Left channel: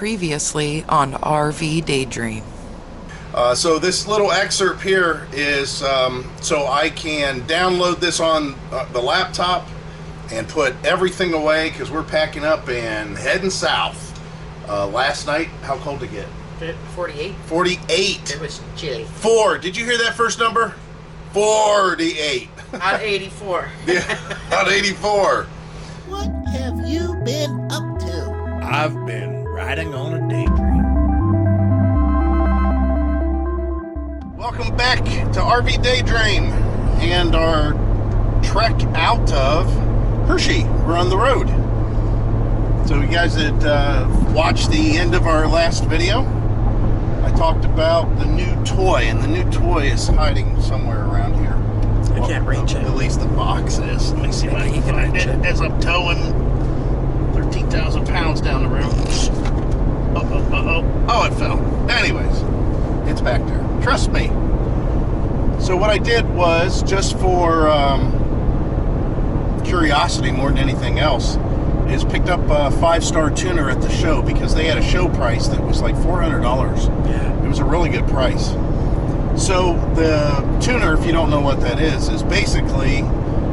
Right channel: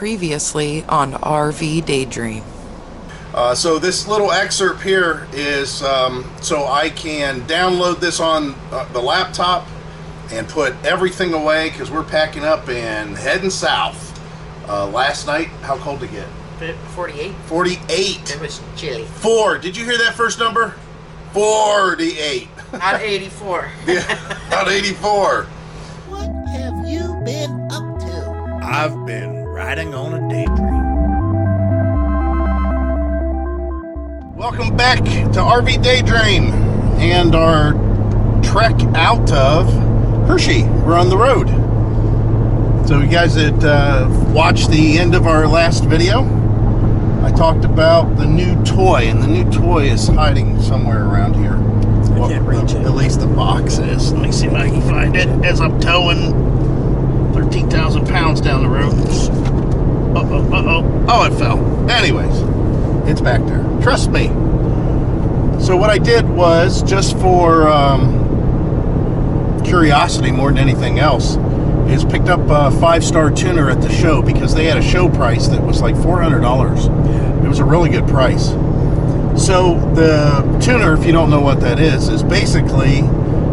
Previously on RV Daydream. So this little excerpt here is so I can download this on the laptop and put everything away because we're packing up and heading south. Last night, how cold did it get? 48. 48. It was chilly. 4. Did you hear that first number? 48. Out of 84. Yeah, out of 84. What have you been up to? I've been riding on a daydream. Welcome back to RV Daydream and our trek out of Hershey. We're on the road. So you guys that watched the end of our last video, I talked about the new toy, and the new toy is hiding somewhere around here. I can't reach it. At least the box is. Let me see if I can find it as I'm towing 13,000 pounds down the road. Oh, it fell. Anyways, it's back there. Trust me. So what I did was, just for curiosity more than anything else, is picked up a 5-star tuner at the show because they had a show price that was like $400. It was a really good price. So the tuner, if you don't know what that is basically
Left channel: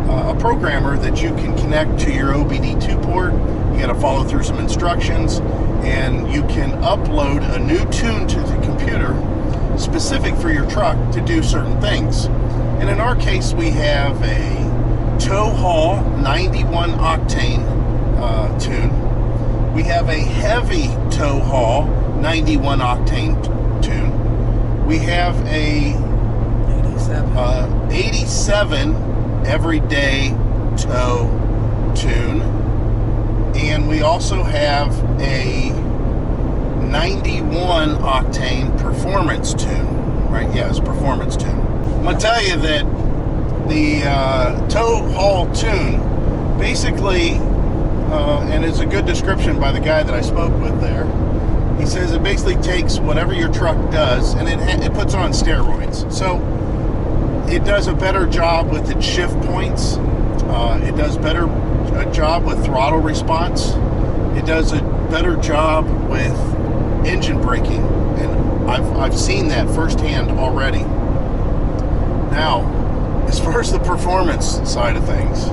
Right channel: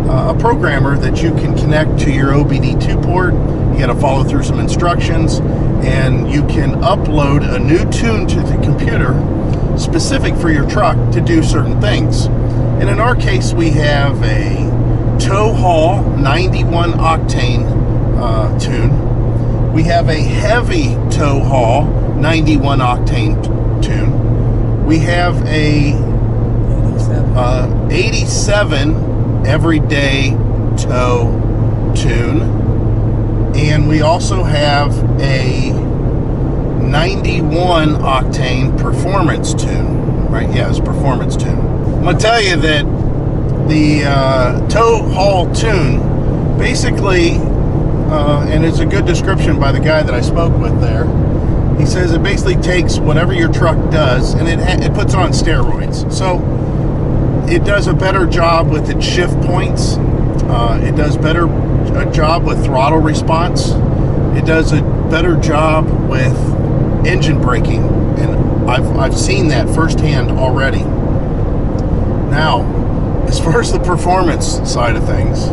a programmer that you can connect to your OBD2 port. You got to follow through some instructions, and you can upload a new tune to the computer specific for your truck to do certain things. And in our case, we have a tow haul 91 octane tune. We have a heavy tow haul 91 octane tune. We have a 87 everyday tow tune, and we also have a 91 octane performance tune. Right? Yeah, it's performance tune. I'm gonna tell you that the tow haul tune basically, and it's a good description by the guy that I spoke with there. He says it basically takes whatever your truck does and it puts it on steroids. So it does a better job with its shift points. It does a job with throttle response. It does a better job with engine braking, and I've seen that firsthand already. Now, as far as the performance side of things,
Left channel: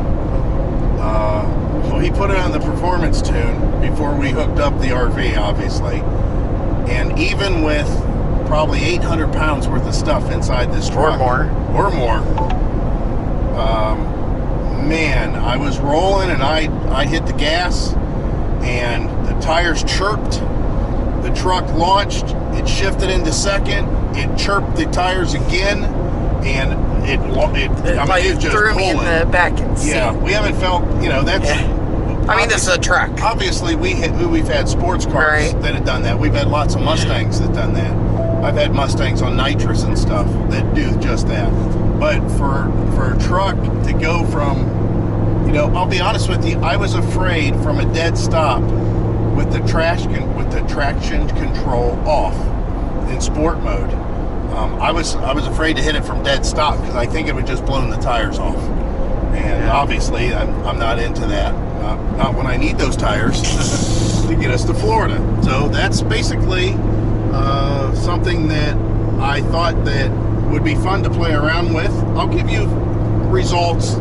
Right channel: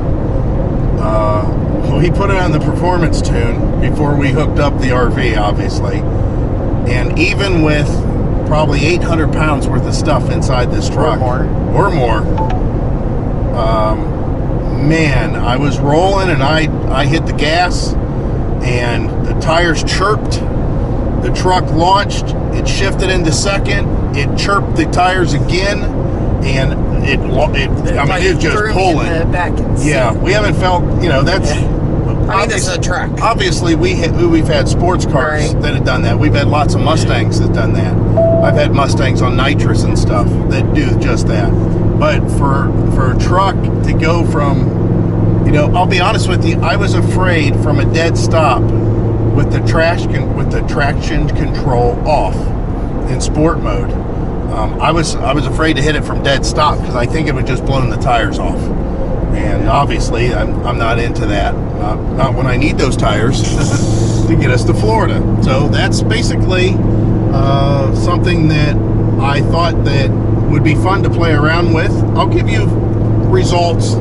we put it on the performance tune before we hooked up the RV, obviously. And even with probably 800 pounds worth of stuff inside this truck, or more, man, I was rolling and I hit the gas and the tires chirped. The truck launched, it shifted into second, it chirped the tires again, and it was just threw pulling. me in the back seat. Yeah, we haven't felt, that's... Yeah. I mean, this is a truck. Obviously, we've had sports cars Right. that have done that. We've had lots of Mustangs that done that. I've had Mustangs on nitrous and stuff that do just that. But for a truck to go from, I'll be honest with you, I was afraid from a dead stop with the traction control off in sport mode. I was afraid to hit it from dead stop because I think it would just blown the tires off. And obviously, I'm not into that. Not when I need those tires to get us to Florida. So that's basically something that I thought that would be fun to play around with. I'll give you results,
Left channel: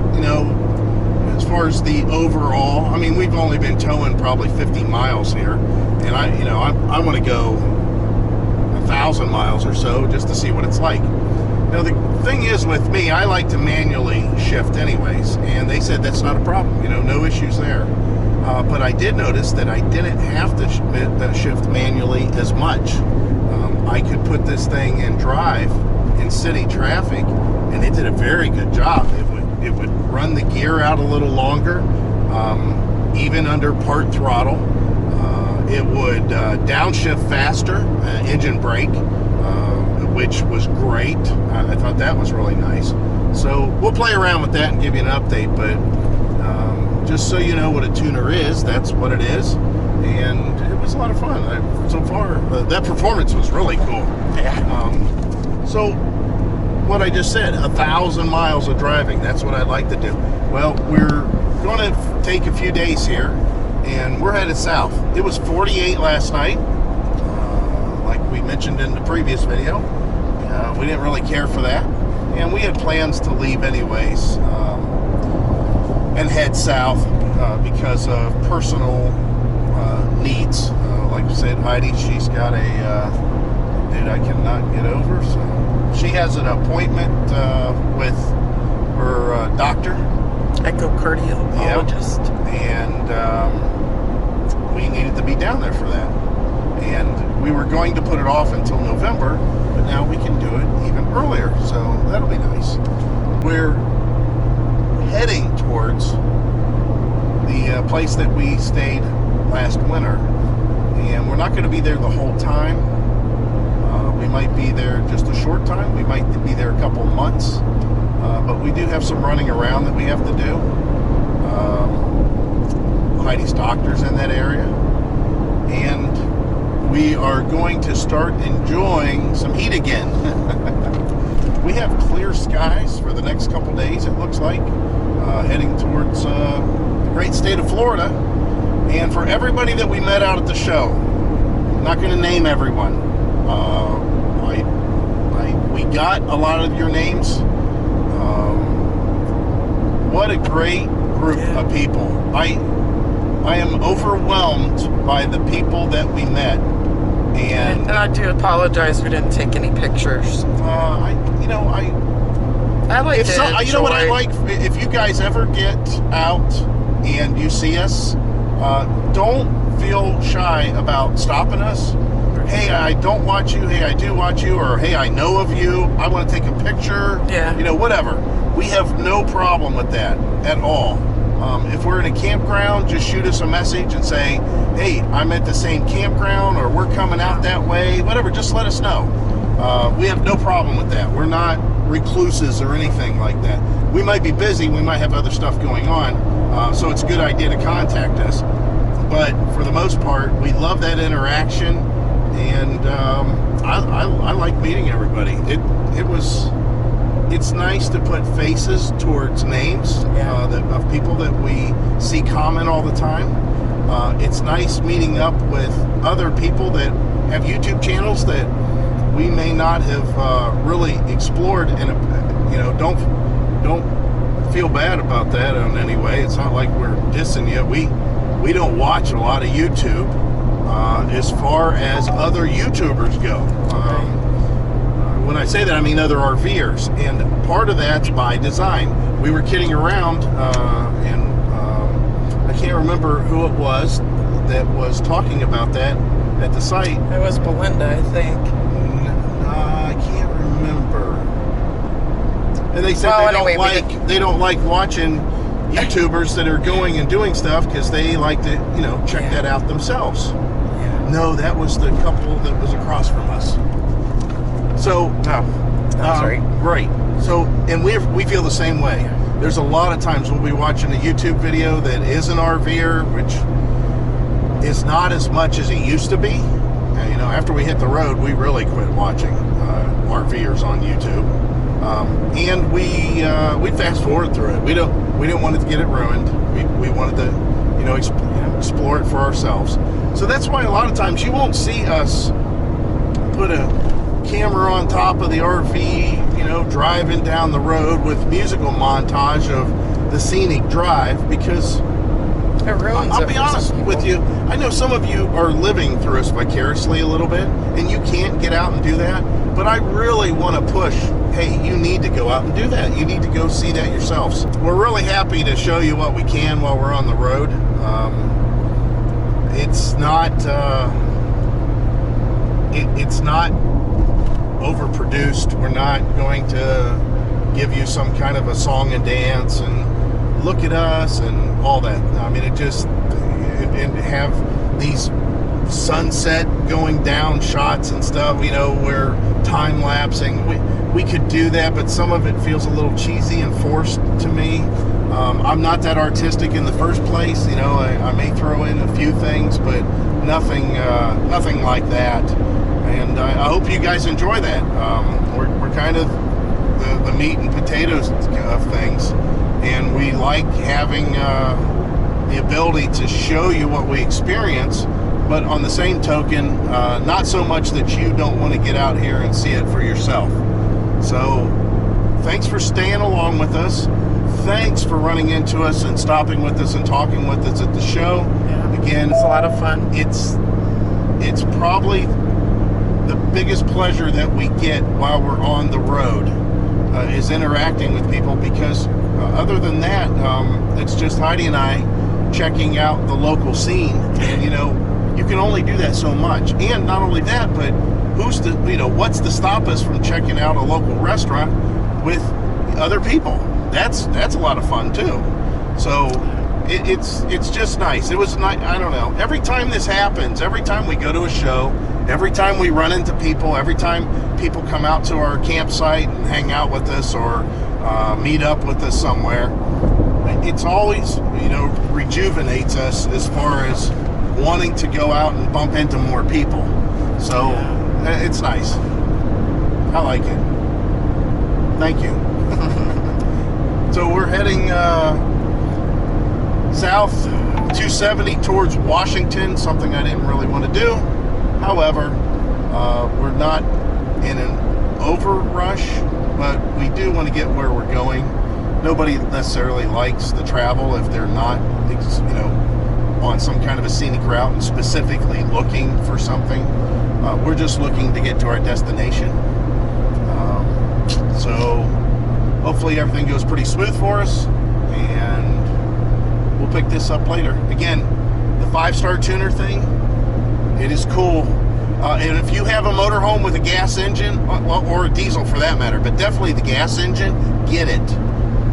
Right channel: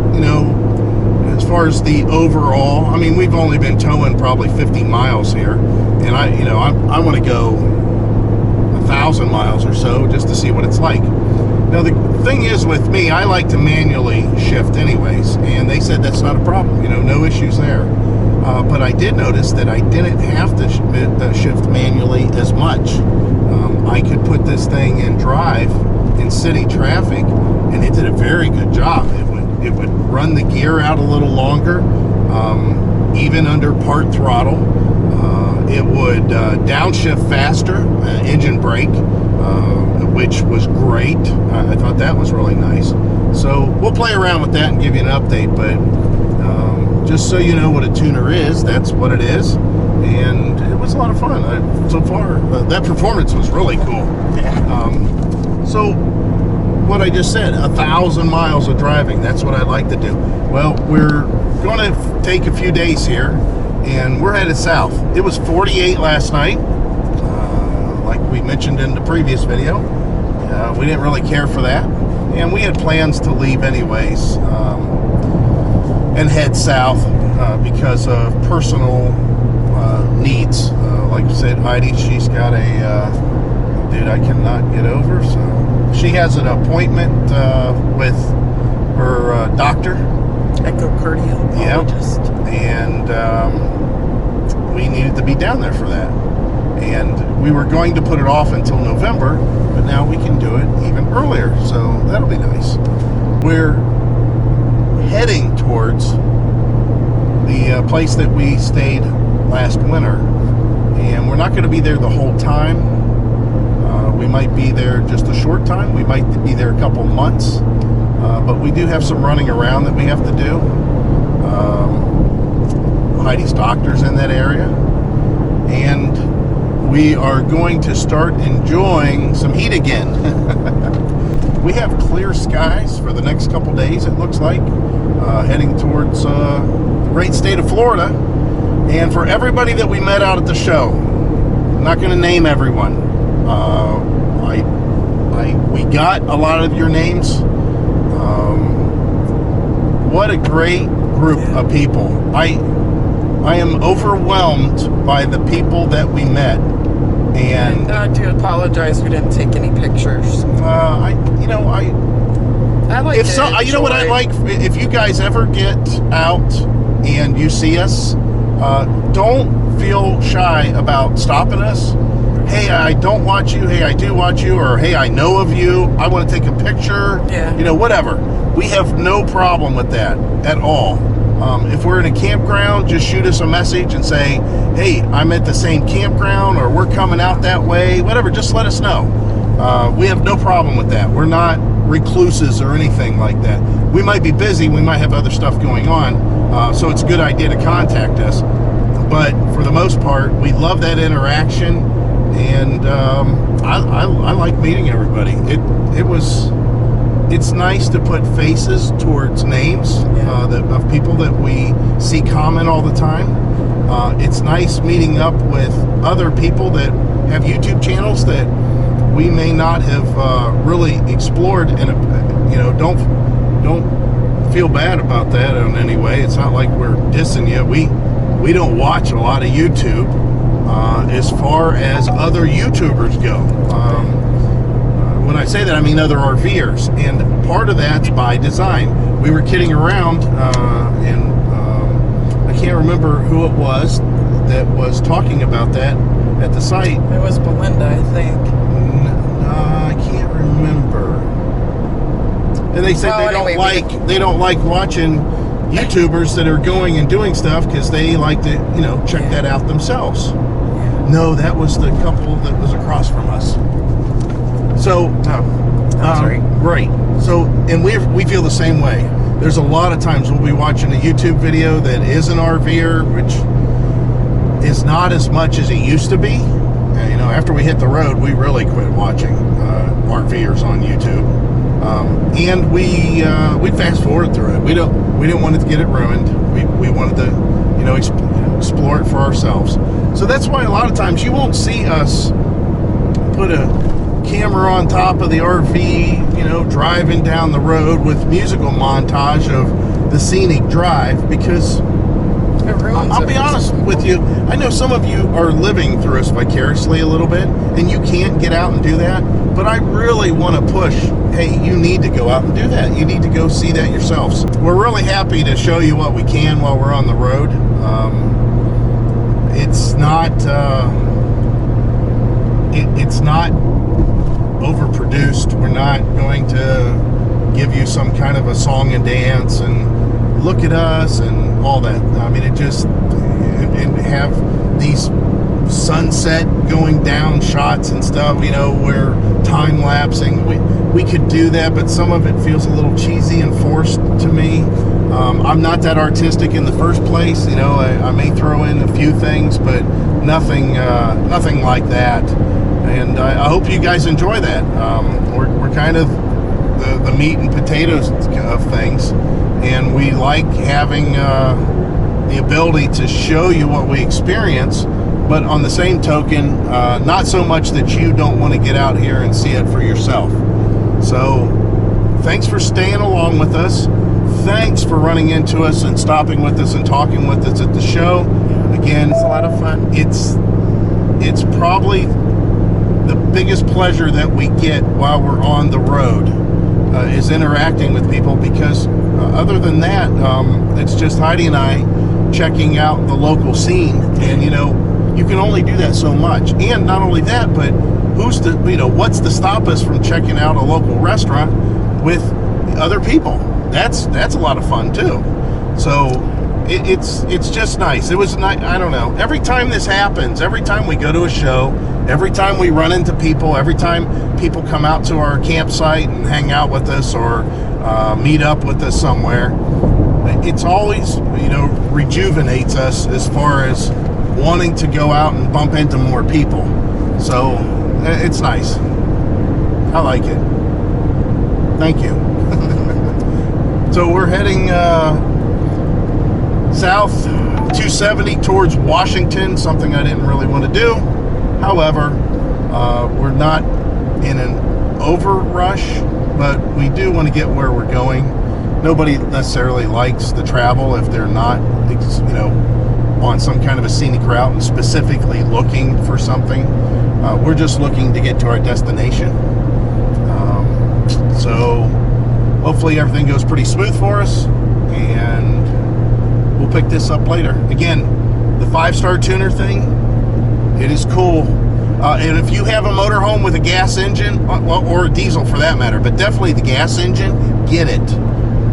as far as the overall. I mean, we've only been towing probably 50 miles here, and I want to go 1,000 miles or so just to see what it's like. Now, the thing is with me, I like to manually shift anyways, and they said that's not a problem, no issues there. But I did notice that I didn't have to shift manually as much. I could put this thing in drive in city traffic, and it did a very good job. It would run the gear out a little longer, even under part throttle. It would downshift faster, engine brake, which was great. I thought that was really nice. So we'll play around with that and give you an update, but just so you know what a tuner is, that's what it is. And it was a lot of fun. So far, that performance was really cool. Yeah. So what I just said, 1,000 miles of driving, that's what I'd like to do. Well, we're going to take a few days here, and we're headed south. It was 48 last night. mentioned in the previous video. We didn't really care for that, and we had plans to leave anyways, and head south because of personal needs. Like I said, Heidi, she's got a dude I cannot get over, so she has an appointment with her doctor, echocardiologist. and we needed to be down there for that. And we were going to put it off until November, but now we can do it even earlier, so that'll be nice. We're heading towards the place that we stayed last winter, and we're not going to be there the whole time. We might be there just a short time. We might be there a couple months, but we do have some running around that we have to do. Heidi's doctor's in that area, and we are going to start enjoying some heat again. We have clear skies for the next couple days, it looks like, heading towards the great state of Florida. And for everybody that we met out at the show, I'm not going to name everyone. We got a lot of your names. What a great group of people. I am overwhelmed by the people that we met. And I do apologize we didn't take any pictures. I like it. you know what I like? If you guys ever get out and you see us, don't feel shy about stopping us. Hey, I don't watch you. Hey, I do watch you. Or hey, I know of you. I want to take a picture. Yeah. Whatever. We have no problem with that at all. If we're in a campground, just shoot us a message and say, hey, I'm at the same campground, or we're coming out that way, whatever, just let us know. We have no problem with that. We're not recluses or anything like that. We might be busy, we might have other stuff going on, so it's a good idea to contact us. But for the most part, we love that interaction, and I like meeting everybody. It's nice to put faces towards names of people that we see comment all the time. It's nice meeting up with other people that have YouTube channels that we may not have really explored, and don't feel bad about that in any way. It's not like we're dissing you. We don't watch a lot of YouTube as far as other YouTubers go. When I say that, I mean other RVers, and part of that's by design. We were kidding around, and I can't remember who it was that was talking about that at the site. It was Belinda, I think. I can't remember. And they said they don't like watching YouTubers that are going and doing stuff because they like to, check that out themselves. Yeah. No, that was the couple that was across from us. So, That's right. Right. So, and we feel the same way. There's a lot of times we'll be watching a YouTube video that is an RVer, which is not as much as it used to be. After we hit the road, we really quit watching RVers on YouTube, and we fast forward through it. We didn't want to get it ruined. We wanted to, explore it for ourselves. So that's why a lot of times you won't see us put a camera on top of the RV, driving down the road with musical montage of the scenic drive, because It ruins I'll it be for honest some people. with you, I know some of you are living through us vicariously a little bit, and you can't get out and do that, but I really want to push, hey, you need to go out and do that. You need to go see that yourselves. We're really happy to show you what we can while we're on the road. It's not overproduced. We're not going to give you some kind of a song and dance and look at us and all that. I mean, and have these sunset going down shots and stuff, we're time lapsing. We could do that, but some of it feels a little cheesy and forced to me. I'm not that artistic in the first place. I may throw in a few things, but nothing like that. And I hope you guys enjoy that. We're kind of the meat and potatoes of things, and we like having the ability to show you what we experience, but on the same token, not so much that you don't want to get out here and see it for yourself. So thanks for staying along with us. Thanks for running into us and stopping with us and talking with us at the show. Yeah, Again, it's a lot of fun. It's probably the biggest pleasure that we get while we're on the road is interacting with people, because other than that, it's just Heidi and I checking out the local scene, and you can only do that so much. And not only that, but what's to stop us from checking out a local restaurant with other people? That's a lot of fun too. So it's just nice. It was nice. I don't know. Every time this happens, every time we go to a show, every time we run into people, every time people come out to our campsite and hang out with us or meet up with us somewhere, it's always rejuvenates us as far as wanting to go out and bump into more people. So it's nice. I like it. Thank you. So we're heading south 270 towards Washington, something I didn't really want to do. However, we're not in an over rush, but we do want to get where we're going. Nobody necessarily likes the travel if they're not, on some kind of a scenic route and specifically looking for something. We're just looking to get to our destination. So hopefully everything goes pretty smooth for us, and we'll pick this up later. Again, the 5-star tuner thing, it is cool. And if you have a motorhome with a gas engine, or a diesel for that matter, but definitely the gas engine, get it.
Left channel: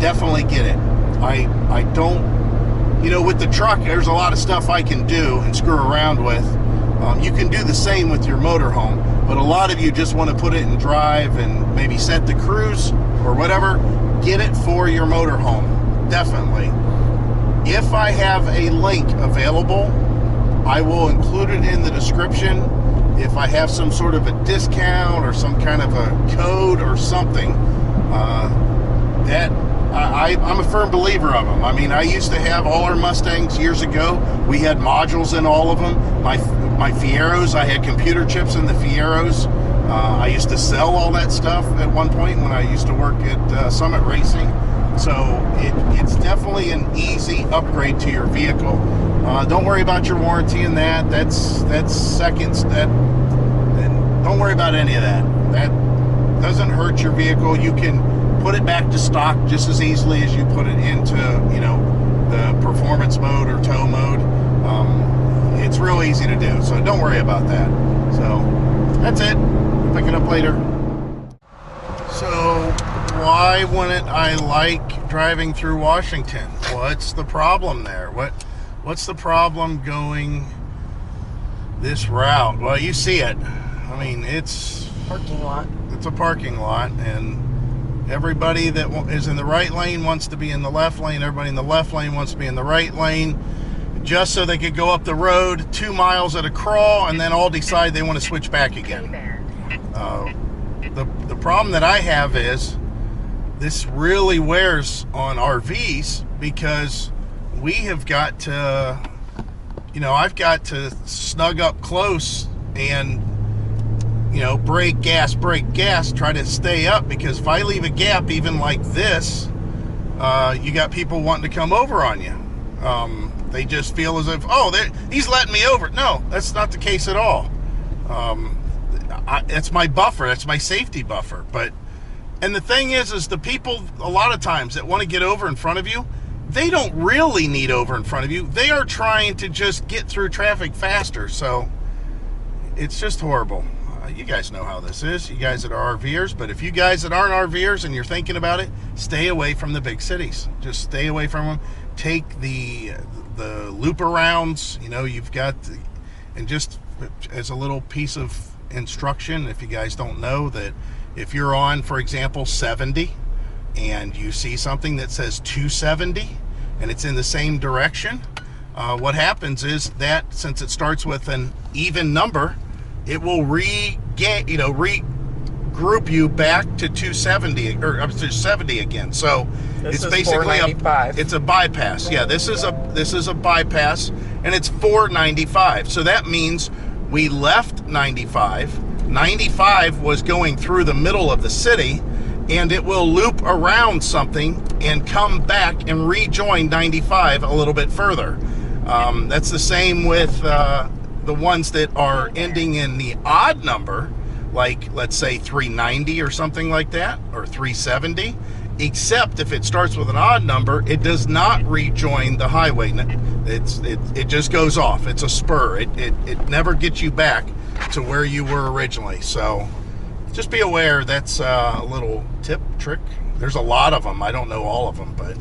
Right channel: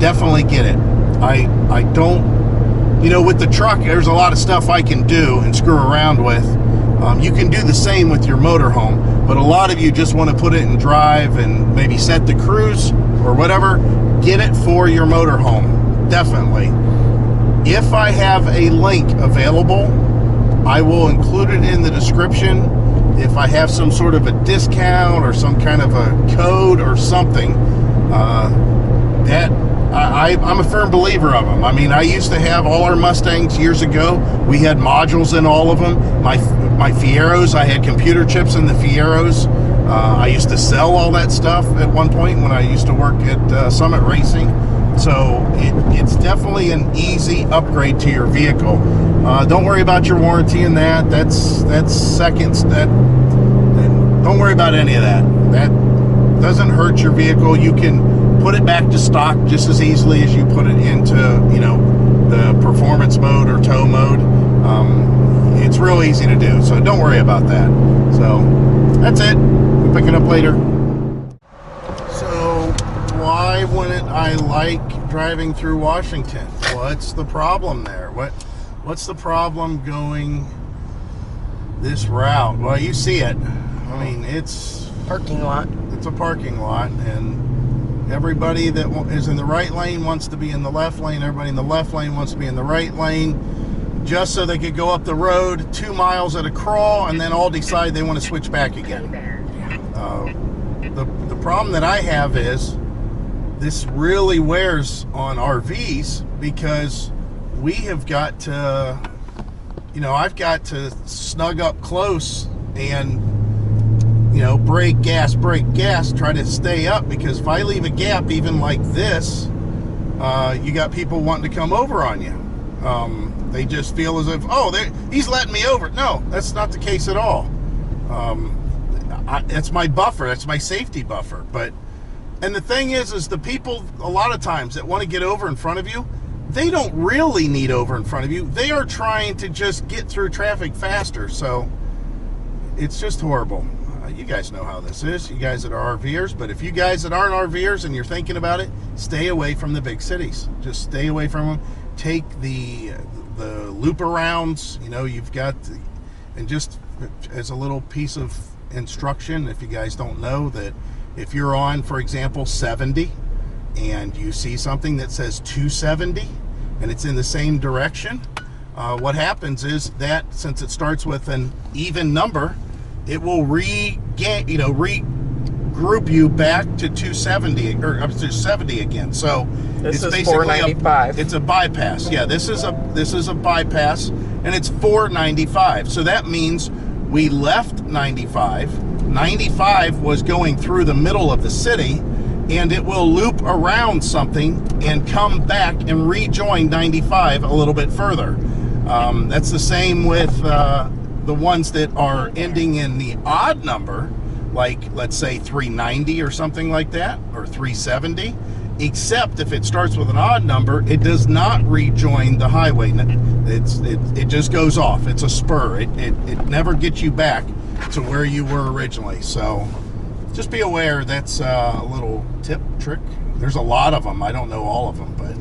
Definitely get it. I don't, with the truck, there's a lot of stuff I can do and screw around with. You can do the same with your motorhome, but a lot of you just want to put it in drive and maybe set the cruise or whatever. Get it for your motorhome, definitely. If I have a link available, I will include it in the description. If I have some sort of a discount or some kind of a code or something, I'm a firm believer of them. I mean, I used to have all our Mustangs years ago. We had modules in all of them. My Fieros, I had computer chips in the Fieros. I used to sell all that stuff at one point when I used to work at Summit Racing. So it's definitely an easy upgrade to your vehicle. Don't worry about your warranty and that. That's seconds. Don't worry about any of that. That doesn't hurt your vehicle. You can put it back to stock just as easily as you put it into, the performance mode or tow mode. It's real easy to do, so don't worry about that. So that's it. We'll pick it up later. So why wouldn't I like driving through Washington? What's the problem there? What's the problem going this route? Well, you see it. I mean, it's Parking lot. It's a parking lot, and everybody that is in the right lane wants to be in the left lane. Everybody in the left lane wants to be in the right lane, just so they could go up the road 2 miles at a crawl and then all decide they want to switch back again. The problem that I have is this really wears on RVs, because we have got to, I've got to snug up close and, brake, gas, try to stay up, because if I leave a gap even like this, you got people wanting to come over on you. They just feel as if, he's letting me over. No, that's not the case at all. That's my buffer. That's my safety buffer. And the thing is the people, a lot of times, that want to get over in front of you, they don't really need over in front of you. They are trying to just get through traffic faster. So it's just horrible. You guys know how this is, you guys that are RVers. But if you guys that aren't RVers and you're thinking about it, stay away from the big cities. Just stay away from them. Take the loop arounds. You've got, and just as a little piece of instruction, if you guys don't know, that if you're on, for example, 70 and you see something that says 270 and it's in the same direction, what happens is that, since it starts with an even number, it will regroup you back to 270 or up to 70 again. So This it's is basically 495. it's a bypass. Yeah, this is a bypass, and it's 495. So that means we left 95. 95 was going through the middle of the city, and it will loop around something and come back and rejoin 95 a little bit further. That's the same with the ones that are ending in the odd number, like let's say 390 or something like that, or 370, except if it starts with an odd number, it does not rejoin the highway. It just goes off. It's a spur. It never gets you back to where you were originally. So just be aware. That's a little tip, trick. There's a lot of them. I don't know all of them, but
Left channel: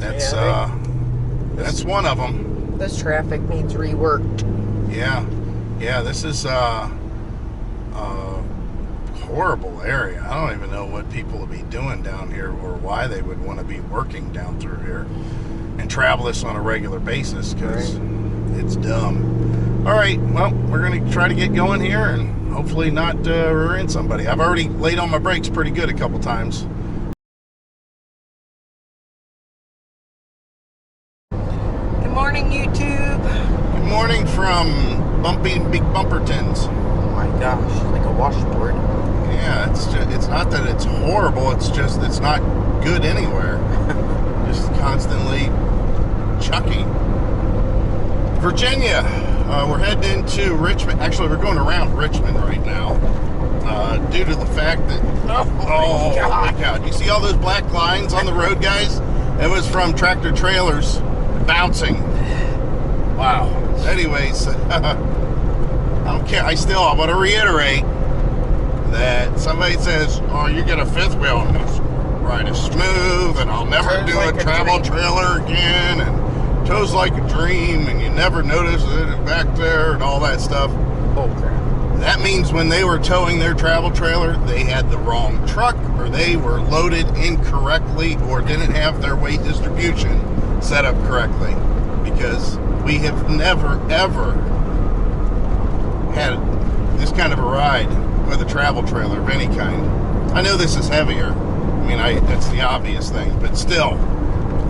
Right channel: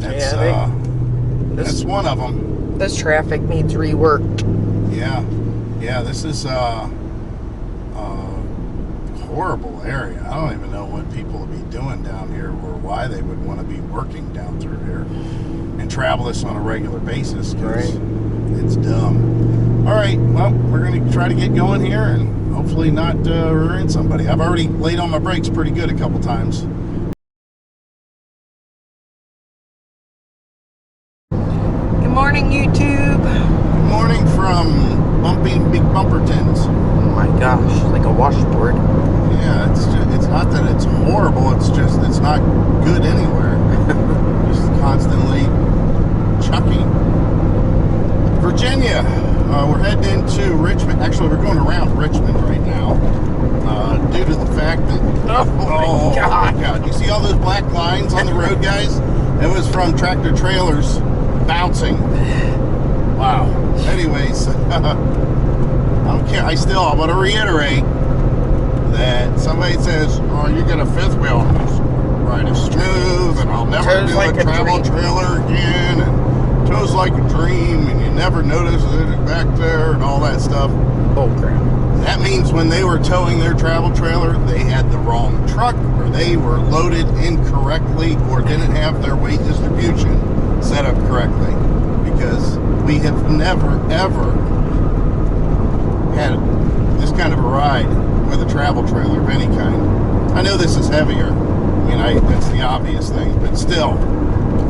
that's that's one of them. This traffic needs reworked. Yeah, this is a horrible area. I don't even know what people will be doing down here or why they would want to be working down through here and travel this on a regular basis, because it's dumb. All right, well, we're going to try to get going here and hopefully not rear end somebody. I've already laid on my brakes pretty good a couple times. Good morning, YouTube. Good morning from Bumpy Big Bumpertons. Oh my gosh, it's like a washboard. Yeah, it's not that it's horrible, it's just it's not good anywhere. Just constantly chucking. Virginia, we're heading into Richmond. Actually, we're going around Richmond right now, due to the fact that oh my God, you see all those black lines on the road, guys? It was from tractor trailers bouncing. Wow. Anyways, I don't care. I want to reiterate that somebody says, oh, you get a fifth wheel and this ride is smooth and I'll never do a travel trailer again, and tows like a dream and you never notice that it's back there and all that stuff. Oh crap. That means when they were towing their travel trailer, they had the wrong truck, or they were loaded incorrectly, or didn't have their weight distribution set up correctly. Because we have never, ever had this kind of a ride with a travel trailer of any kind. I know this is heavier. I mean, that's the obvious thing, but still,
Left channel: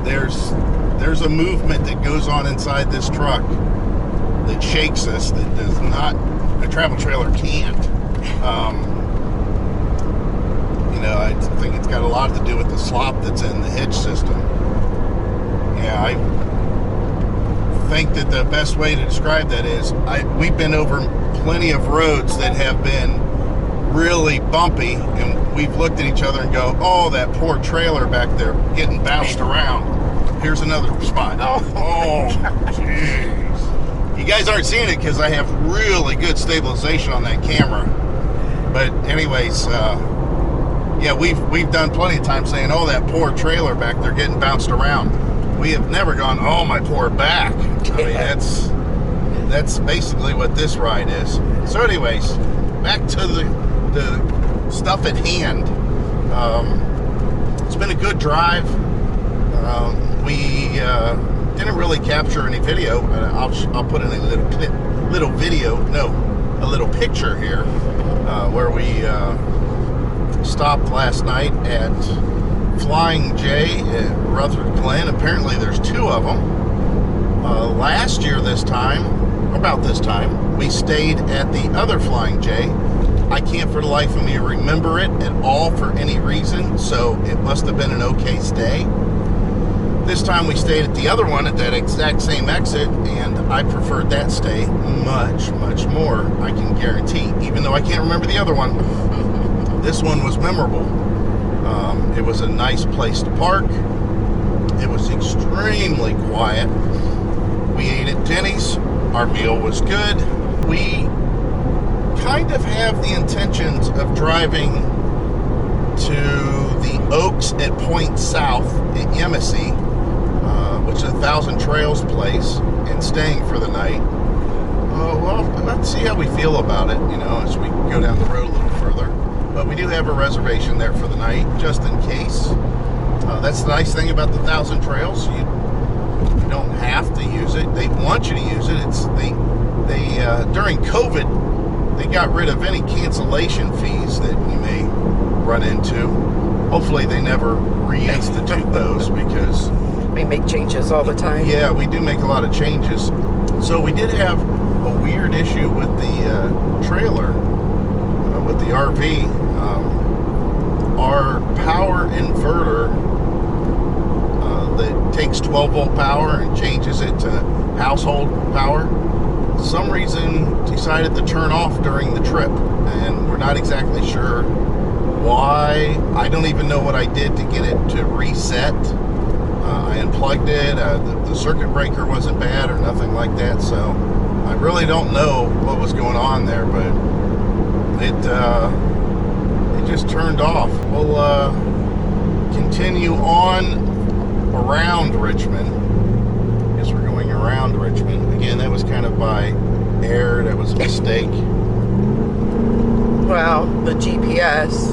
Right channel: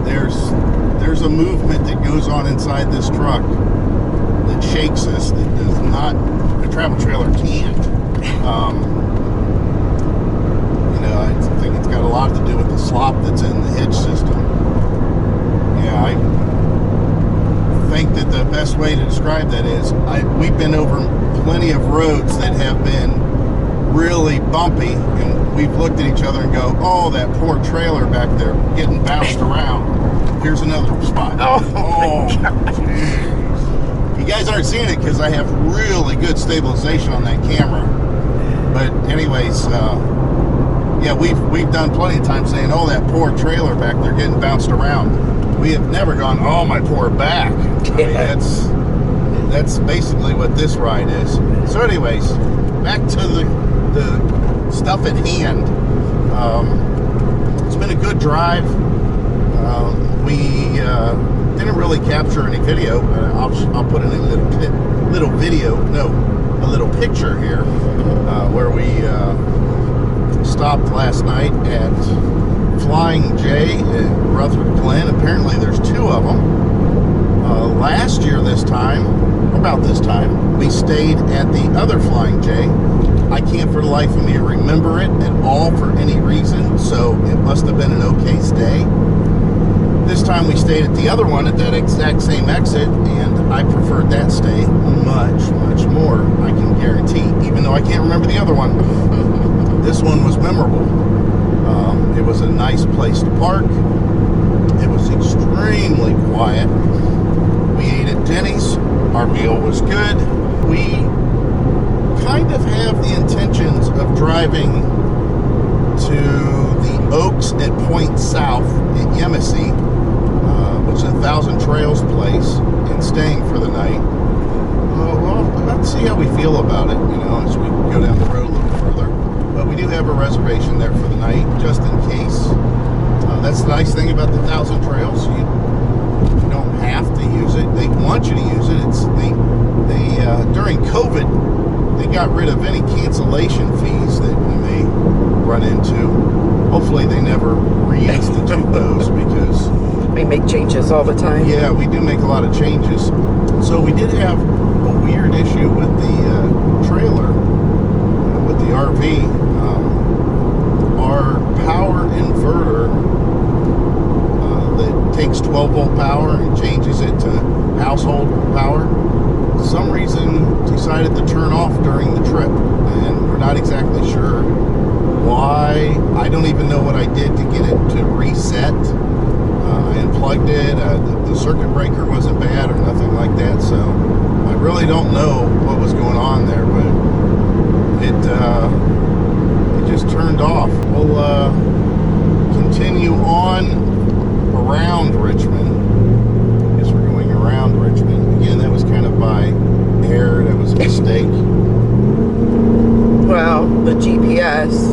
there's a movement that goes on inside this truck that shakes us, that does not, a travel trailer can't. I think it's got a lot to do with the slop that's in the hitch system. Yeah, I think that the best way to describe that is we've been over plenty of roads that have been really bumpy, and we've looked at each other and go, oh, that poor trailer back there getting bounced around. Here's another spot. Oh, jeez. You guys aren't seeing it because I have really good stabilization on that camera. But anyways, yeah, we've done plenty of times saying, oh, that poor trailer back there getting bounced around. We have never gone, oh, my poor back. I mean, that's basically what this ride is. So anyways, back to the stuff at hand. It's been a good drive. We didn't really capture any video. I'll put in a little picture here where we stopped last night at Flying J at Rutherford Glen. Apparently there's two of them. Last year about this time, we stayed at the other Flying J. I can't for the life of me remember it at all for any reason, so it must have been an okay stay. This time we stayed at the other one at that exact same exit, and I preferred that stay much, much more, I can guarantee, even though I can't remember the other one. This one was memorable. It was a nice place to park. It was extremely quiet. We ate at Denny's. Our meal was good. We kind of have the intentions of driving to the Oaks at Point South at Yemassee, which is a Thousand Trails place, and staying for the night. Well, let's see how we feel about it, as we go down the road a little further. But we do have a reservation there for the night, just in case. That's the nice thing about the Thousand Trails. You don't have to use it. They want you to use it. During COVID, they got rid of any cancellation fees that you may run into. Hopefully they never reinstitute those, because We make changes all the time. Yeah, we do make a lot of changes. So we did have a weird issue with the trailer, with the RV. Our power inverter that takes 12-volt power and changes it to household power, for some reason decided to turn off during the trip. And we're not exactly sure why. I don't even know what I did to get it to reset. I unplugged it. The circuit breaker wasn't bad or nothing like that, so I really don't know what was going on there, but it just turned off. We'll continue on around Richmond. I guess we're going around Richmond. Again, that was kind of by air. That was a mistake. Well, the GPS.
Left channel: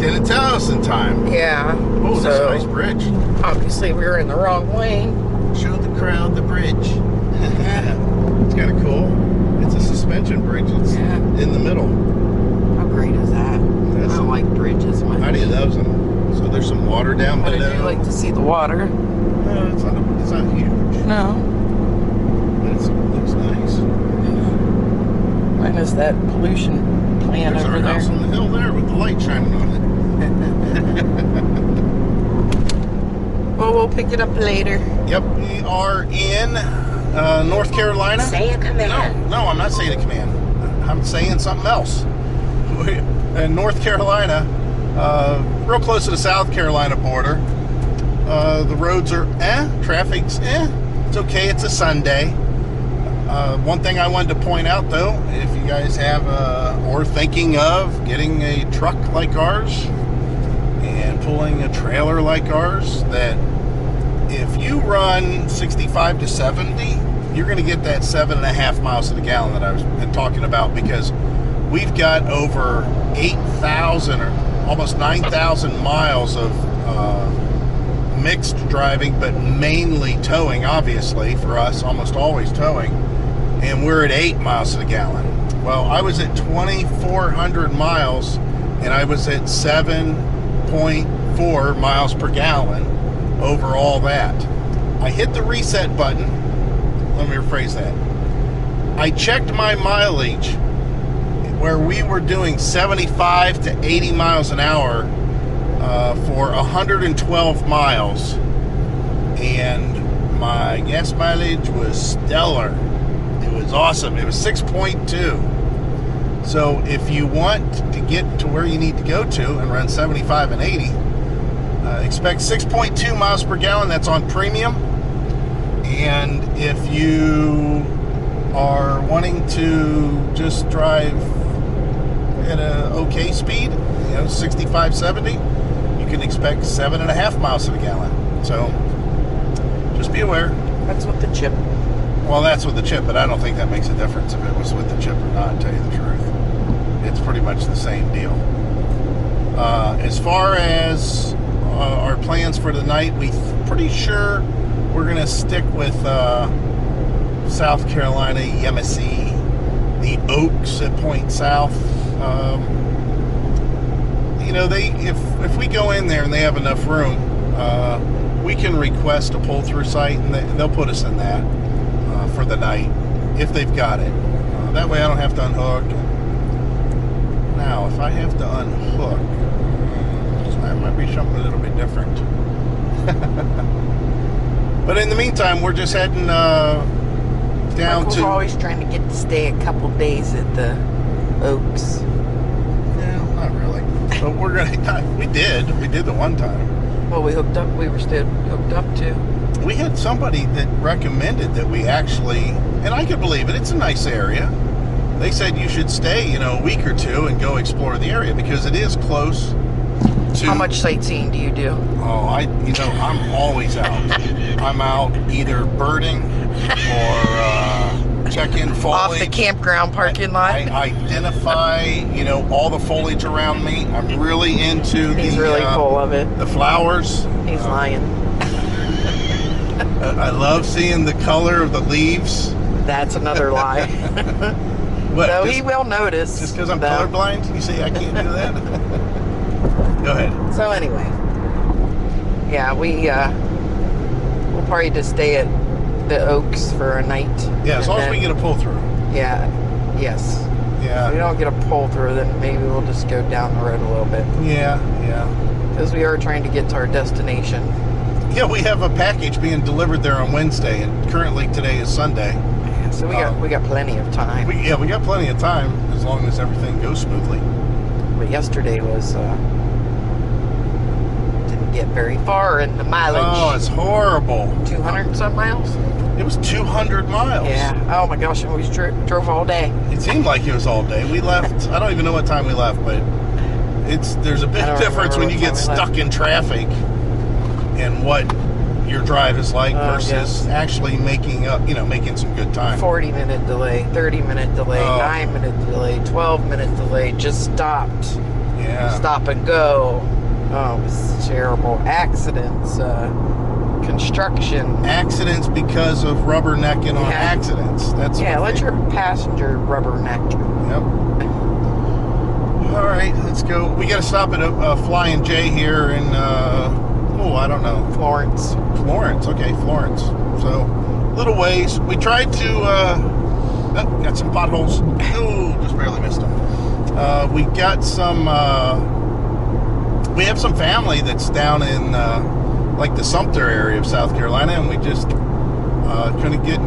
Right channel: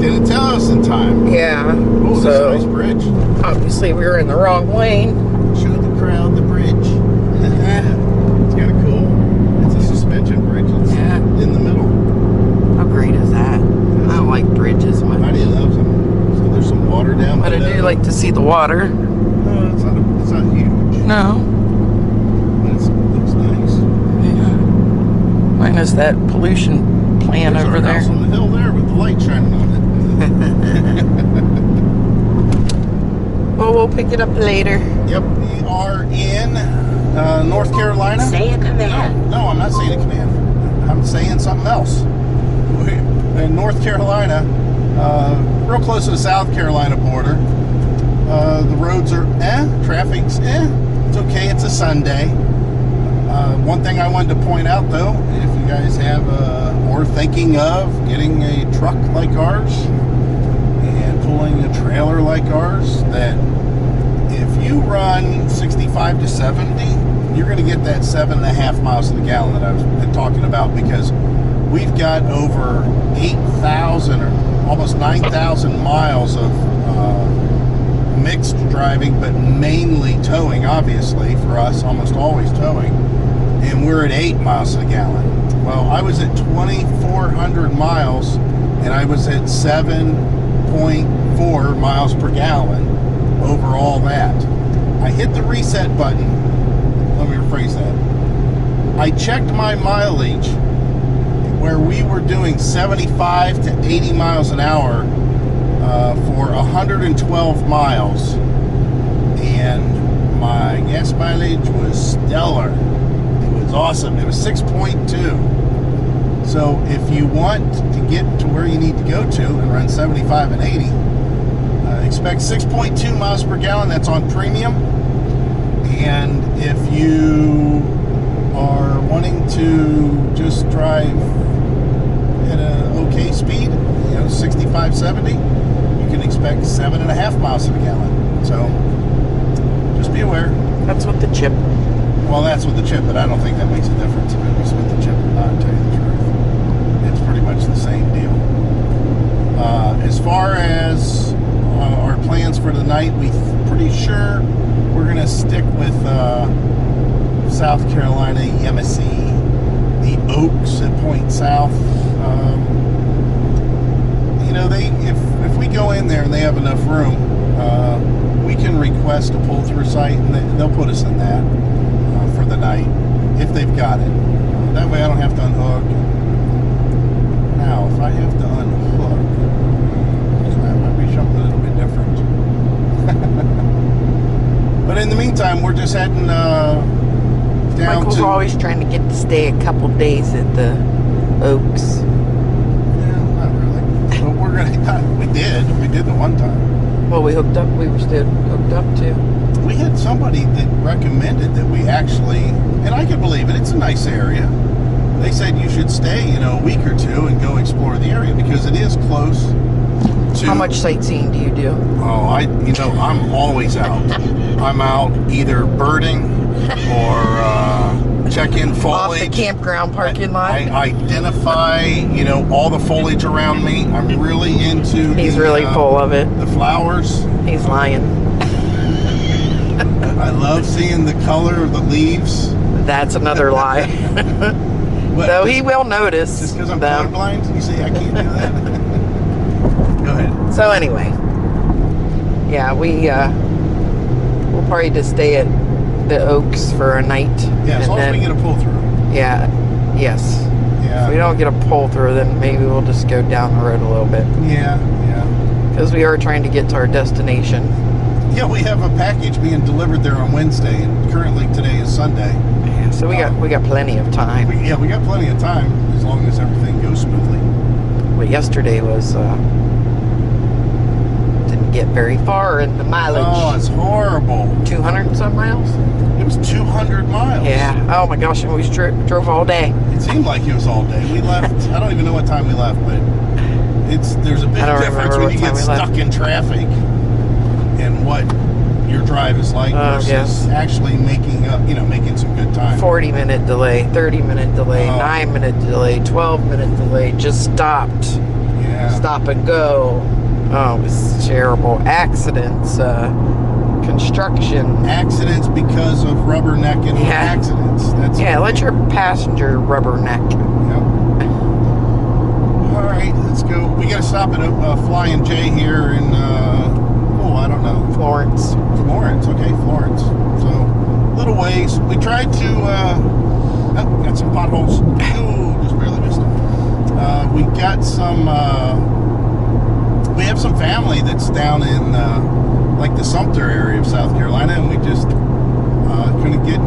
Didn't tell us in time. Yeah. Oh, that's so a nice bridge. obviously we were in the wrong lane. Show the crowd the bridge. It's kind of cool. It's a suspension bridge. It's Yeah. in the middle. How great is that? I don't like bridges much. How do you love them? So there's some water down But I below. do like to see the water. No, it's not huge. No. But it looks nice. Minus that pollution plant There's over our there. house on the hill there with the light shining on it. Well, we'll pick it up later. Yep, we are in North Carolina. Say a command. No, I'm not saying a command. I'm saying something else. In North Carolina, real close to the South Carolina border. The roads are traffic's it's okay, it's a Sunday. One thing I wanted to point out though, if you guys have or thinking of getting a truck like ours and pulling a trailer like ours, that if you run 65 to 70, you're going to get that 7.5 miles to the gallon that I was been talking about, because we've got over 8,000 or almost 9,000 miles of mixed driving, but mainly towing, obviously, for us, almost always towing. And we're at 8 miles to the gallon. Well, I was at 2,400 miles, and I was at 7.4 miles per gallon over all that. I hit the reset button. Let me rephrase that. I checked my mileage where we were doing 75 to 80 miles an hour for 112 miles, and my gas mileage was stellar. It was awesome. It was 6.2. So if you want to get to where you need to go to and run 75 and 80, expect 6.2 miles per gallon. That's on premium. And if you are wanting to just drive at an okay speed, 65, 70, you can expect 7.5 miles to the gallon. So just be aware. That's what the chip. Well, that's with the chip, but I don't think that makes a difference if it was with the chip or not, to tell you the truth. It's pretty much the same deal. As far as our plans for the night, we're pretty sure we're going to stick with South Carolina, Yemassee, the Oaks at Point South. If we go in there and they have enough room, we can request a pull-through site, and they'll put us in that for the night if they've got it. That way I don't have to unhook. Now, if I have to unhook, that might be something a little bit different. But in the meantime, we're just heading down Michael's to... always trying to get to stay a couple days at the Oaks. Yeah, not really. But we're gonna... We did the one time. Well, we were still hooked up to. We had somebody that recommended that we actually, and I could believe it, it's a nice area. They said you should stay, a week or two and go explore the area, because it is close to... How much sightseeing do you do? Oh, I'm always out. I'm out either birding or check-in foliage. Off the campground parking lot? I identify, all the foliage around me. I'm really into He's really full of it. the flowers. He's lying. I love seeing the color of the leaves. That's another lie. What, Though he will notice. Just because I'm though. colorblind? You say I can't do that? Go ahead. So anyway, yeah, We'll probably just stay at the Oaks for a night. Yeah, as long as we get a pull through. Yeah. Yes. Yeah. If we don't get a pull through, then maybe we'll just go down the road a little bit. Yeah. Because we are trying to get to our destination. Yeah, we have a package being delivered there on Wednesday, and currently today is Sunday. Yeah, so we got plenty of time. We got plenty of time as long as everything goes smoothly. But yesterday was didn't get very far in the mileage. Oh, it's horrible. 200 and some miles. It was 200 miles. Yeah. Oh my gosh, and we drove all day. It seemed like it was all day. We left. I don't even know what time we left, but there's a big difference when you get stuck in traffic and what your drive is like versus actually making some good time. 40-minute delay, 30-minute delay, 9-minute delay, 12-minute delay. Just stopped. Yeah. Stop and go. Oh, it was terrible. Accidents. Construction. Accidents because of rubbernecking on accidents. That's let your passenger rubberneck. Yep. All right, let's go. We got to stop at a Flying J here in I don't know. Florence. Okay, Florence. So, little ways. We tried to got some potholes. Oh, just barely missed them. We got some. We have some family that's down in like the Sumter area of South Carolina, and we just couldn't get.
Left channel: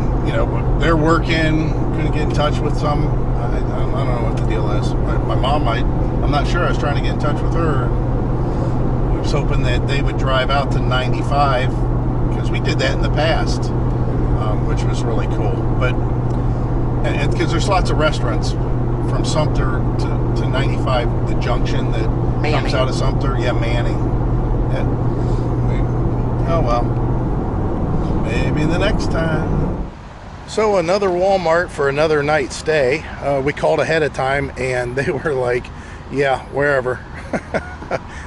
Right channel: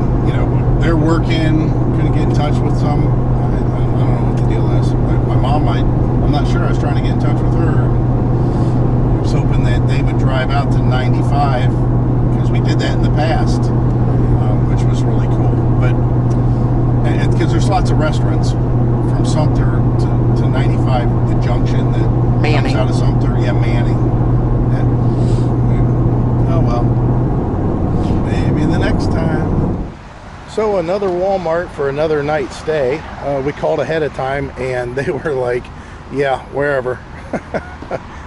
They're working. Couldn't get in touch with some. I don't know what the deal is. My mom I'm not sure. I was trying to get in touch with her. I was hoping that they would drive out to 95 because we did that in the past, which was really cool. But because there's lots of restaurants from Sumter to 95, the junction that comes out of Sumter. Yeah, Manning. Oh well, maybe the next time. So another Walmart for another night stay. We called ahead of time, and they were like, "Yeah, wherever."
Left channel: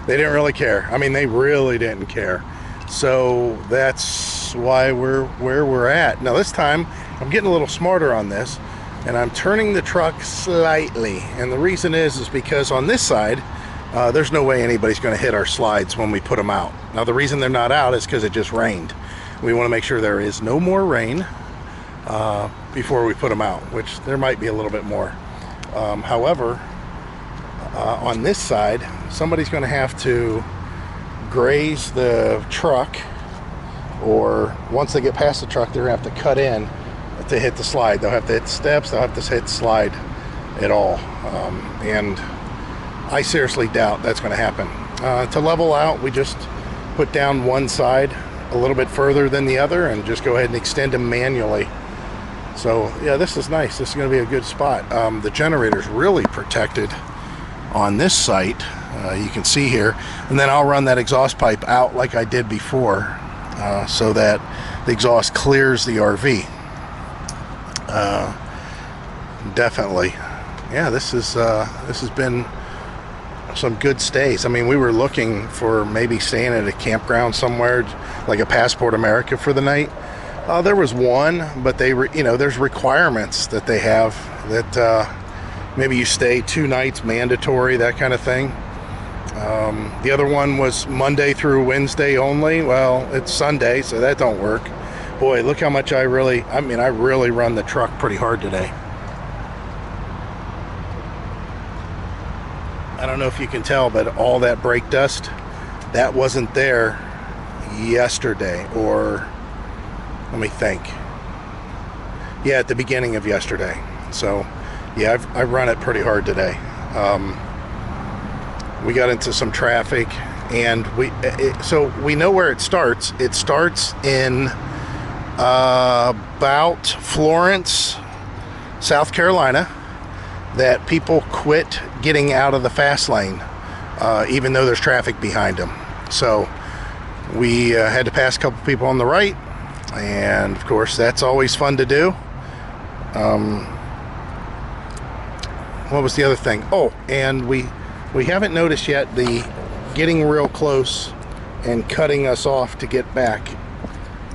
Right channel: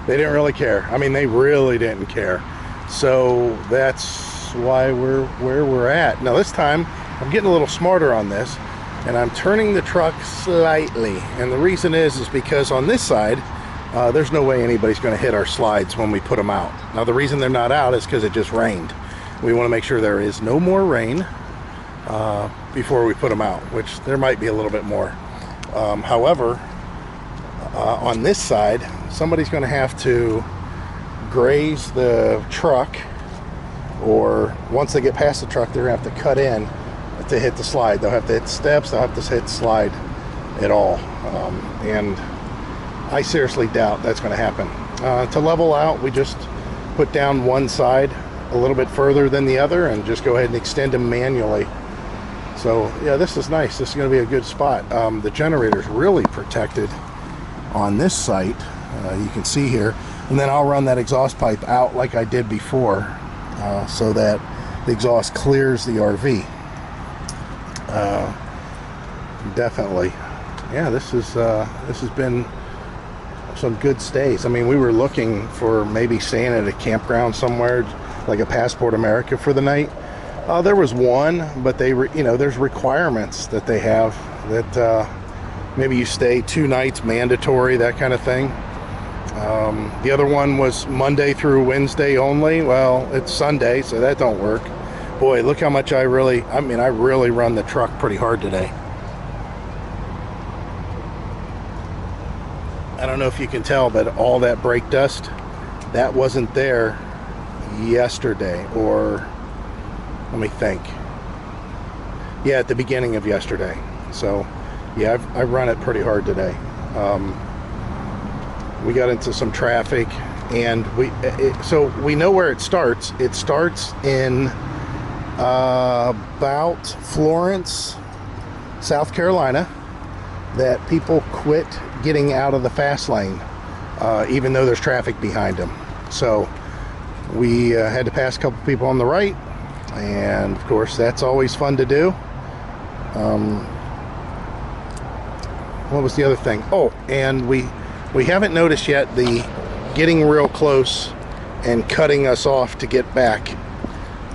They didn't really care. I mean, they really didn't care. So that's why we're where we're at. Now this time, I'm getting a little smarter on this, and I'm turning the truck slightly. And the reason is because on this side, there's no way anybody's going to hit our slides when we put them out. Now the reason they're not out is because it just rained. We want to make sure there is no more rain before we put them out, which there might be a little bit more. However, on this side, somebody's going to have to graze the truck, or once they get past the truck, they're going to have to cut in to hit the slide. They'll have to hit the steps, they'll have to hit the slide at all. And I seriously doubt that's going to happen. To level out, we just put down one side a little bit further than the other and just go ahead and extend them manually. So yeah, this is nice. This is going to be a good spot. The generator's really protected on this site. You can see here, and then I'll run that exhaust pipe out like I did before, so that the exhaust clears the RV. Definitely, yeah. This has been some good stays. I mean, we were looking for maybe staying at a campground somewhere, like a Passport America for the night. There was one, but there's requirements that they have that maybe you stay 2 nights mandatory, that kind of thing. The other one was Monday through Wednesday only. Well, it's Sunday, so that don't work. Boy, look how much I really run the truck pretty hard today. I don't know if you can tell, but all that brake dust, that wasn't there yesterday, or let me think. Yeah, at the beginning of yesterday. So yeah, I've run it pretty hard today. We got into some traffic, and so we know where it starts. It starts in about Florence, South Carolina, that people quit getting out of the fast lane, even though there's traffic behind them. So we had to pass a couple people on the right, and of course that's always fun to do. What was the other thing? Oh, and we haven't noticed yet the getting real close and cutting us off to get back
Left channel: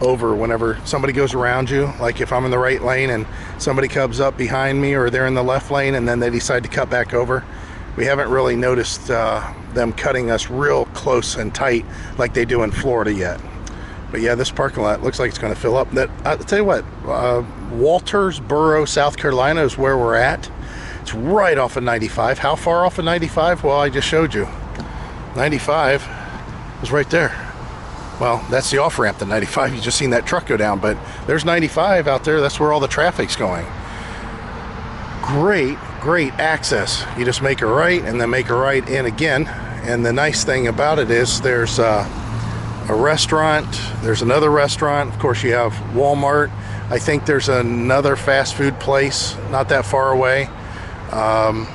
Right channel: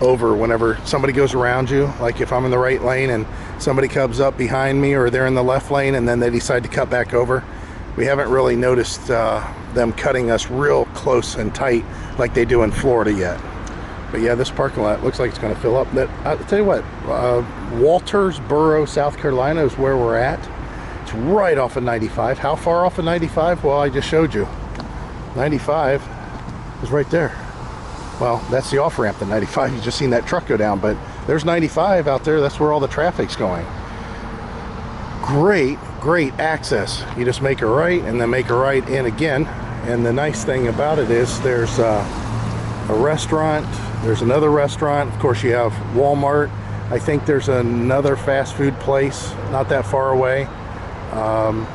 over whenever somebody goes around you. Like if I'm in the right lane and somebody comes up behind me, or they're in the left lane and then they decide to cut back over. We haven't really noticed them cutting us real close and tight like they do in Florida yet. But yeah, this parking lot looks like it's going to fill up. That I'll tell you what, Waltersboro, South Carolina is where we're at. It's right off of 95. How far off of 95? Well, I just showed you. 95 is right there. Well, that's the off-ramp to 95. You just seen that truck go down, but there's 95 out there. That's where all the traffic's going. Great access. You just make a right and then make a right in again. And the nice thing about it is there's a restaurant, there's another restaurant. Of course, you have Walmart. I think there's another fast food place not that far away. I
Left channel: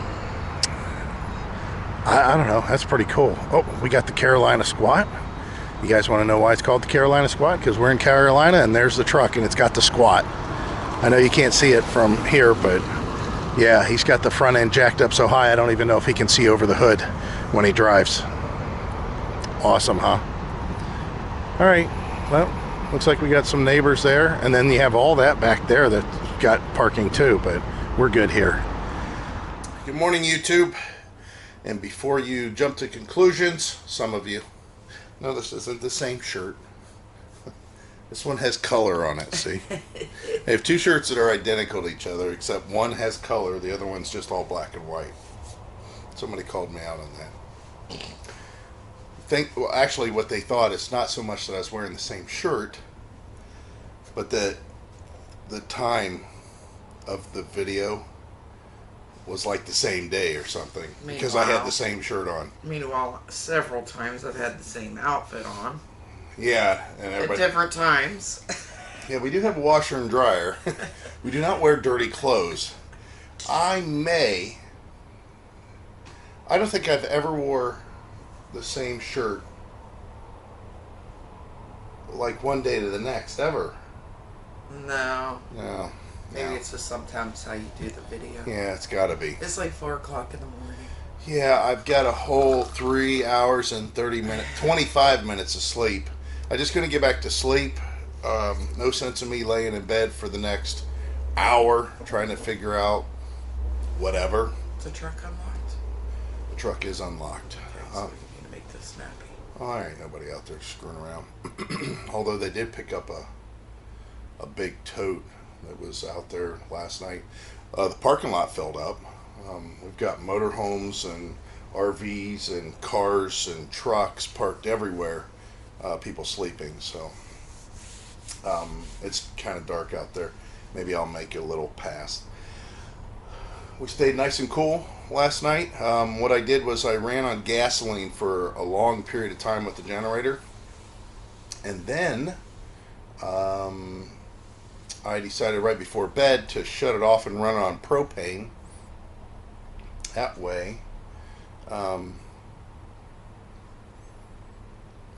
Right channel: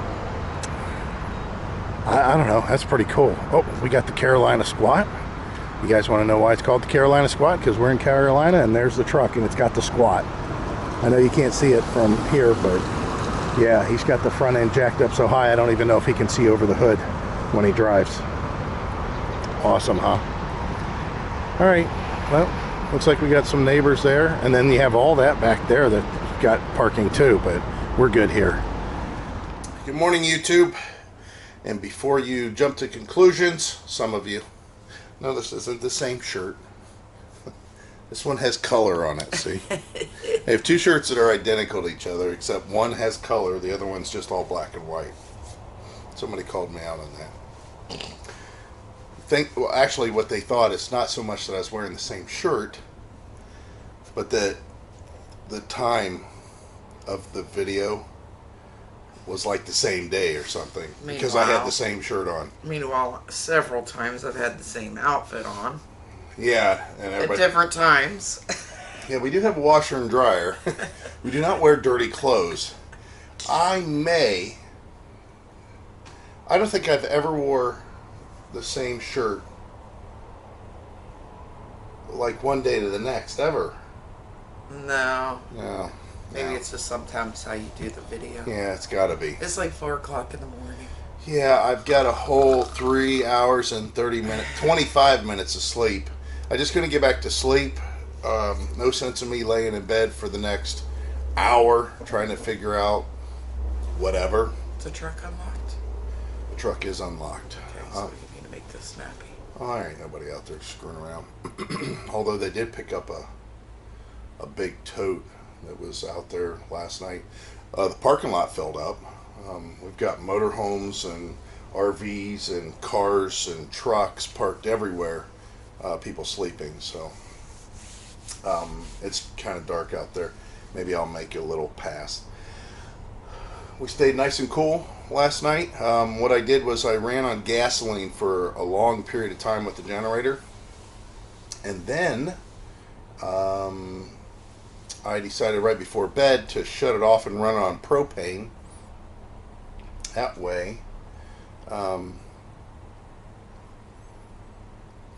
don't know. That's pretty cool. Oh, we got the Carolina Squat. You guys want to know why it's called the Carolina Squat? Because we're in Carolina and there's the truck and it's got the squat. I know you can't see it from here, but yeah, he's got the front end jacked up so high I don't even know if he can see over the hood when he drives. Awesome, huh? All right, well, looks like we got some neighbors there, and then you have all that back there that got parking too, but we're good here. Good morning, YouTube. And before you jump to conclusions, some of you, no, this isn't the same shirt. This one has color on it, see? I have two shirts that are identical to each other, except one has color, the other one's just all black and white. Somebody called me out on that. Well, actually, what they thought is not so much that I was wearing the same shirt, but the time of the video was like the same day or something, because I had the same shirt on. Meanwhile, several times I've had the same outfit on. Yeah, and everybody, at different times. Yeah, we do have a washer and dryer. We do not wear dirty clothes. I don't think I've ever wore the same shirt like one day to the next, ever. No. Maybe No. it's just sometimes how you do the video. Yeah, it's gotta be. It's like 4 o'clock in the morning. Yeah, I've got a whole 3 hours and 25 minutes of sleep. I just couldn't get back to sleep. No sense of me laying in bed for the next hour trying to figure out whatever. Is the truck unlocked? The truck is unlocked. Okay, so we need to make this snappy. Oh, there ain't nobody out there screwing around. Although they did pick up a big tote that was out there last night. The parking lot filled up. We've got motorhomes and RVs and cars and trucks parked everywhere. People sleeping, so it's kind of dark out there. Maybe I'll make a little pass. We stayed nice and cool last night. What I did was I ran on gasoline for a long period of time with the generator, and then I decided right before bed to shut it off and run it on propane. That way,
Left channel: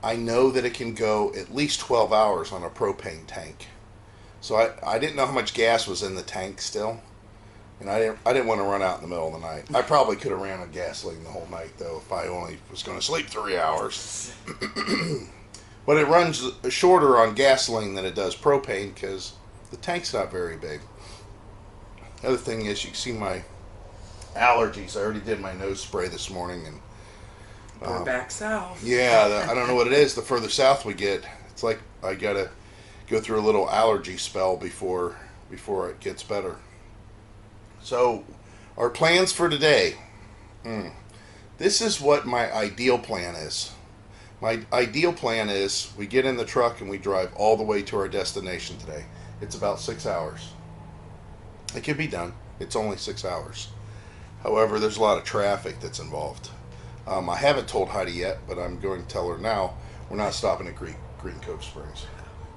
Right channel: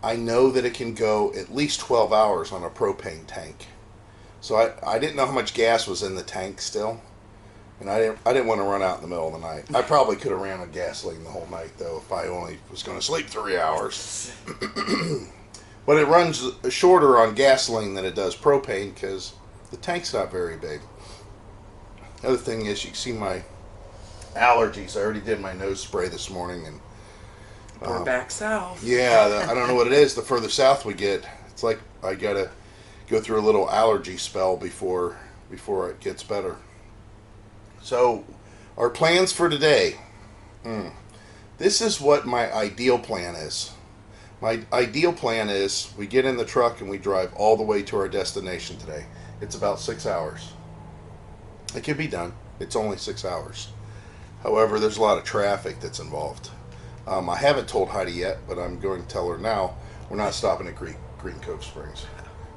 I know that it can go at least 12 hours on a propane tank. So I didn't know how much gas was in the tank still, and I didn't want to run out in the middle of the night. I probably could have ran on gasoline the whole night though if I only was going to sleep 3 hours. But it runs shorter on gasoline than it does propane because the tank's not very big. The other thing is, you can see my allergies. I already did my nose spray this morning, and We're back south. yeah, I don't know what it is. The further south we get, it's like I gotta go through a little allergy spell before it gets better. So, our plans for today. This is what my ideal plan is. My ideal plan is we get in the truck and we drive all the way to our destination today. It's about 6 hours. It can be done. It's only 6 hours. However, there's a lot of traffic that's involved. I haven't told Heidi yet, but I'm going to tell her now. We're not stopping at Green Cove Springs.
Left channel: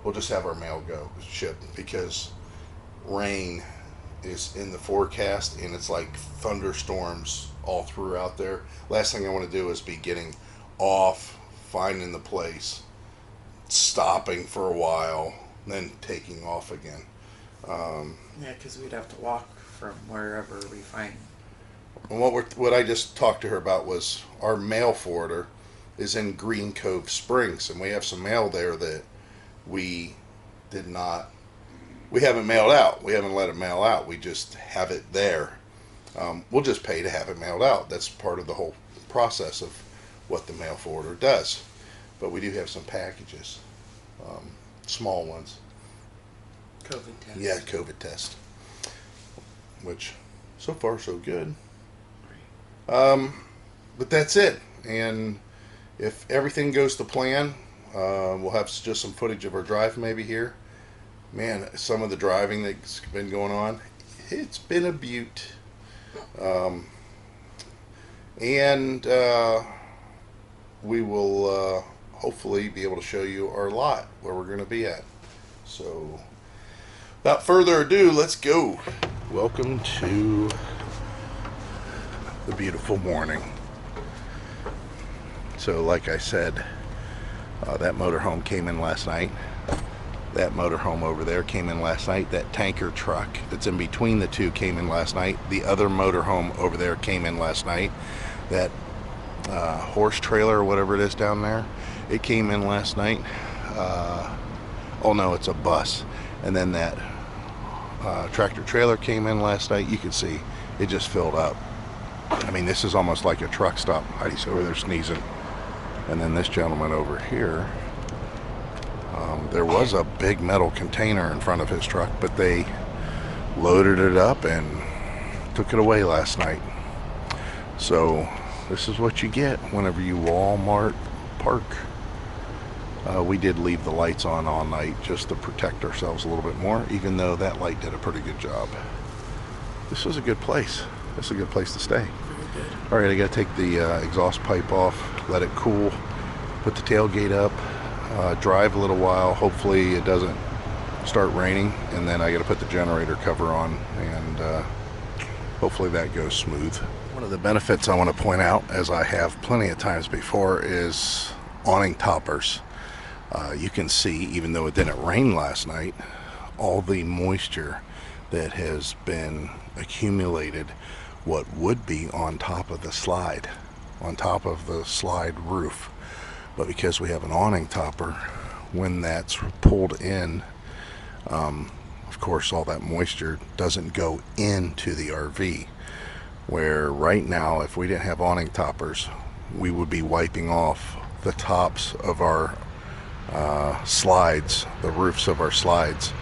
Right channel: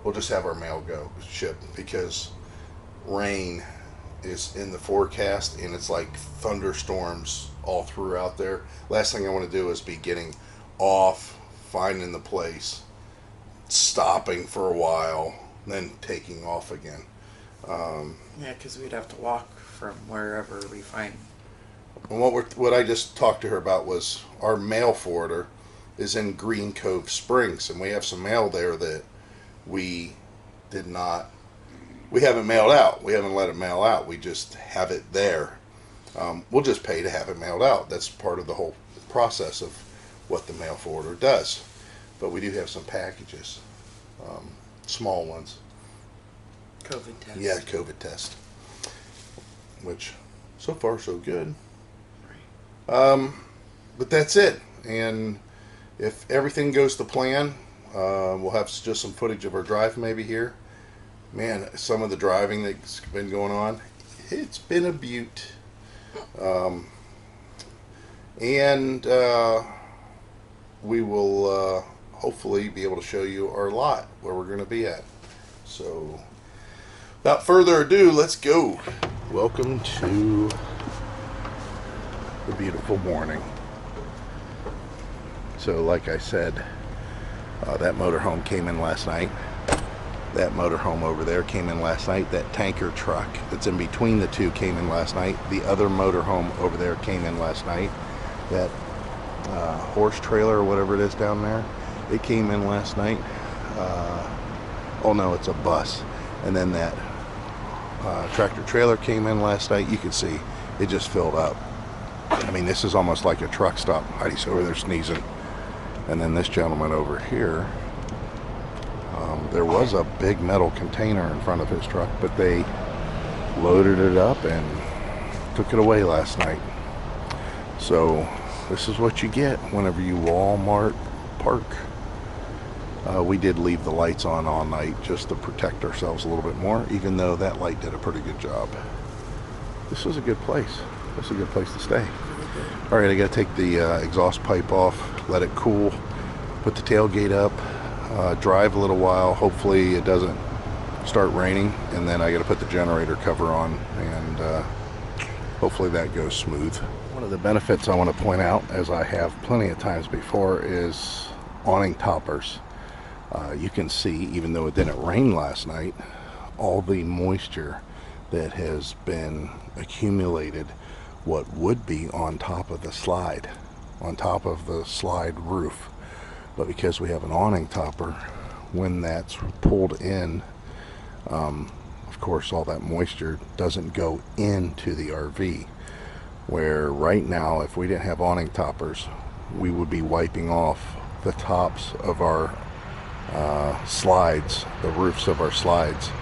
We'll just have our mail shipped because rain is in the forecast and it's like thunderstorms all throughout there. Last thing I want to do is be getting off, finding the place, stopping for a while, then taking off again. Yeah, because we'd have to walk from wherever we find. And what I just talked to her about was our mail forwarder is in Green Cove Springs, and we have some mail there that we haven't mailed out. We haven't let it mail out. We just have it there. We'll just pay to have it mailed out. That's part of the whole process of what the mail forwarder does. But we do have some packages. small ones. COVID test. Yeah, COVID test. Which, so far, so good. But that's it. And if everything goes to plan, we'll have just some footage of our drive maybe here. Man, some of the driving that's been going on, it's been a beaut. And we will hopefully be able to show you our lot where we're going to be at. So without further ado, let's go. Welcome to the beautiful morning. So like I said, that motorhome came in last night. That motorhome over there came in last night. That tanker truck that's in between the two came in last night. The other motorhome over there came in last night. That horse trailer or whatever it is down there, it came in last night. Oh no, it's a bus. And then that tractor trailer came in last night. You can see it just filled up. I mean, this is almost like a truck stop. Heidi's over there sneezing. And then this gentleman over here, there was a big metal container in front of his truck, but they loaded it up and took it away last night. So this is what you get whenever you Walmart park. We did leave the lights on all night just to protect ourselves a little bit more, even though that light did a pretty good job. This was a good place. This is a good place to stay. All right, I got to take the exhaust pipe off, let it cool, put the tailgate up, drive a little while. Hopefully it doesn't start raining, and then I got to put the generator cover on, and hopefully that goes smooth. One of the benefits I want to point out, as I have plenty of times before, is awning toppers. You can see, even though it didn't rain last night, all the moisture that has been accumulated, what would be on top of the slide roof. But because we have an awning topper, when that's pulled in, of course all that moisture doesn't go into the RV. Where right now, if we didn't have awning toppers, we would be wiping off the tops of our slides, the roofs of our slides,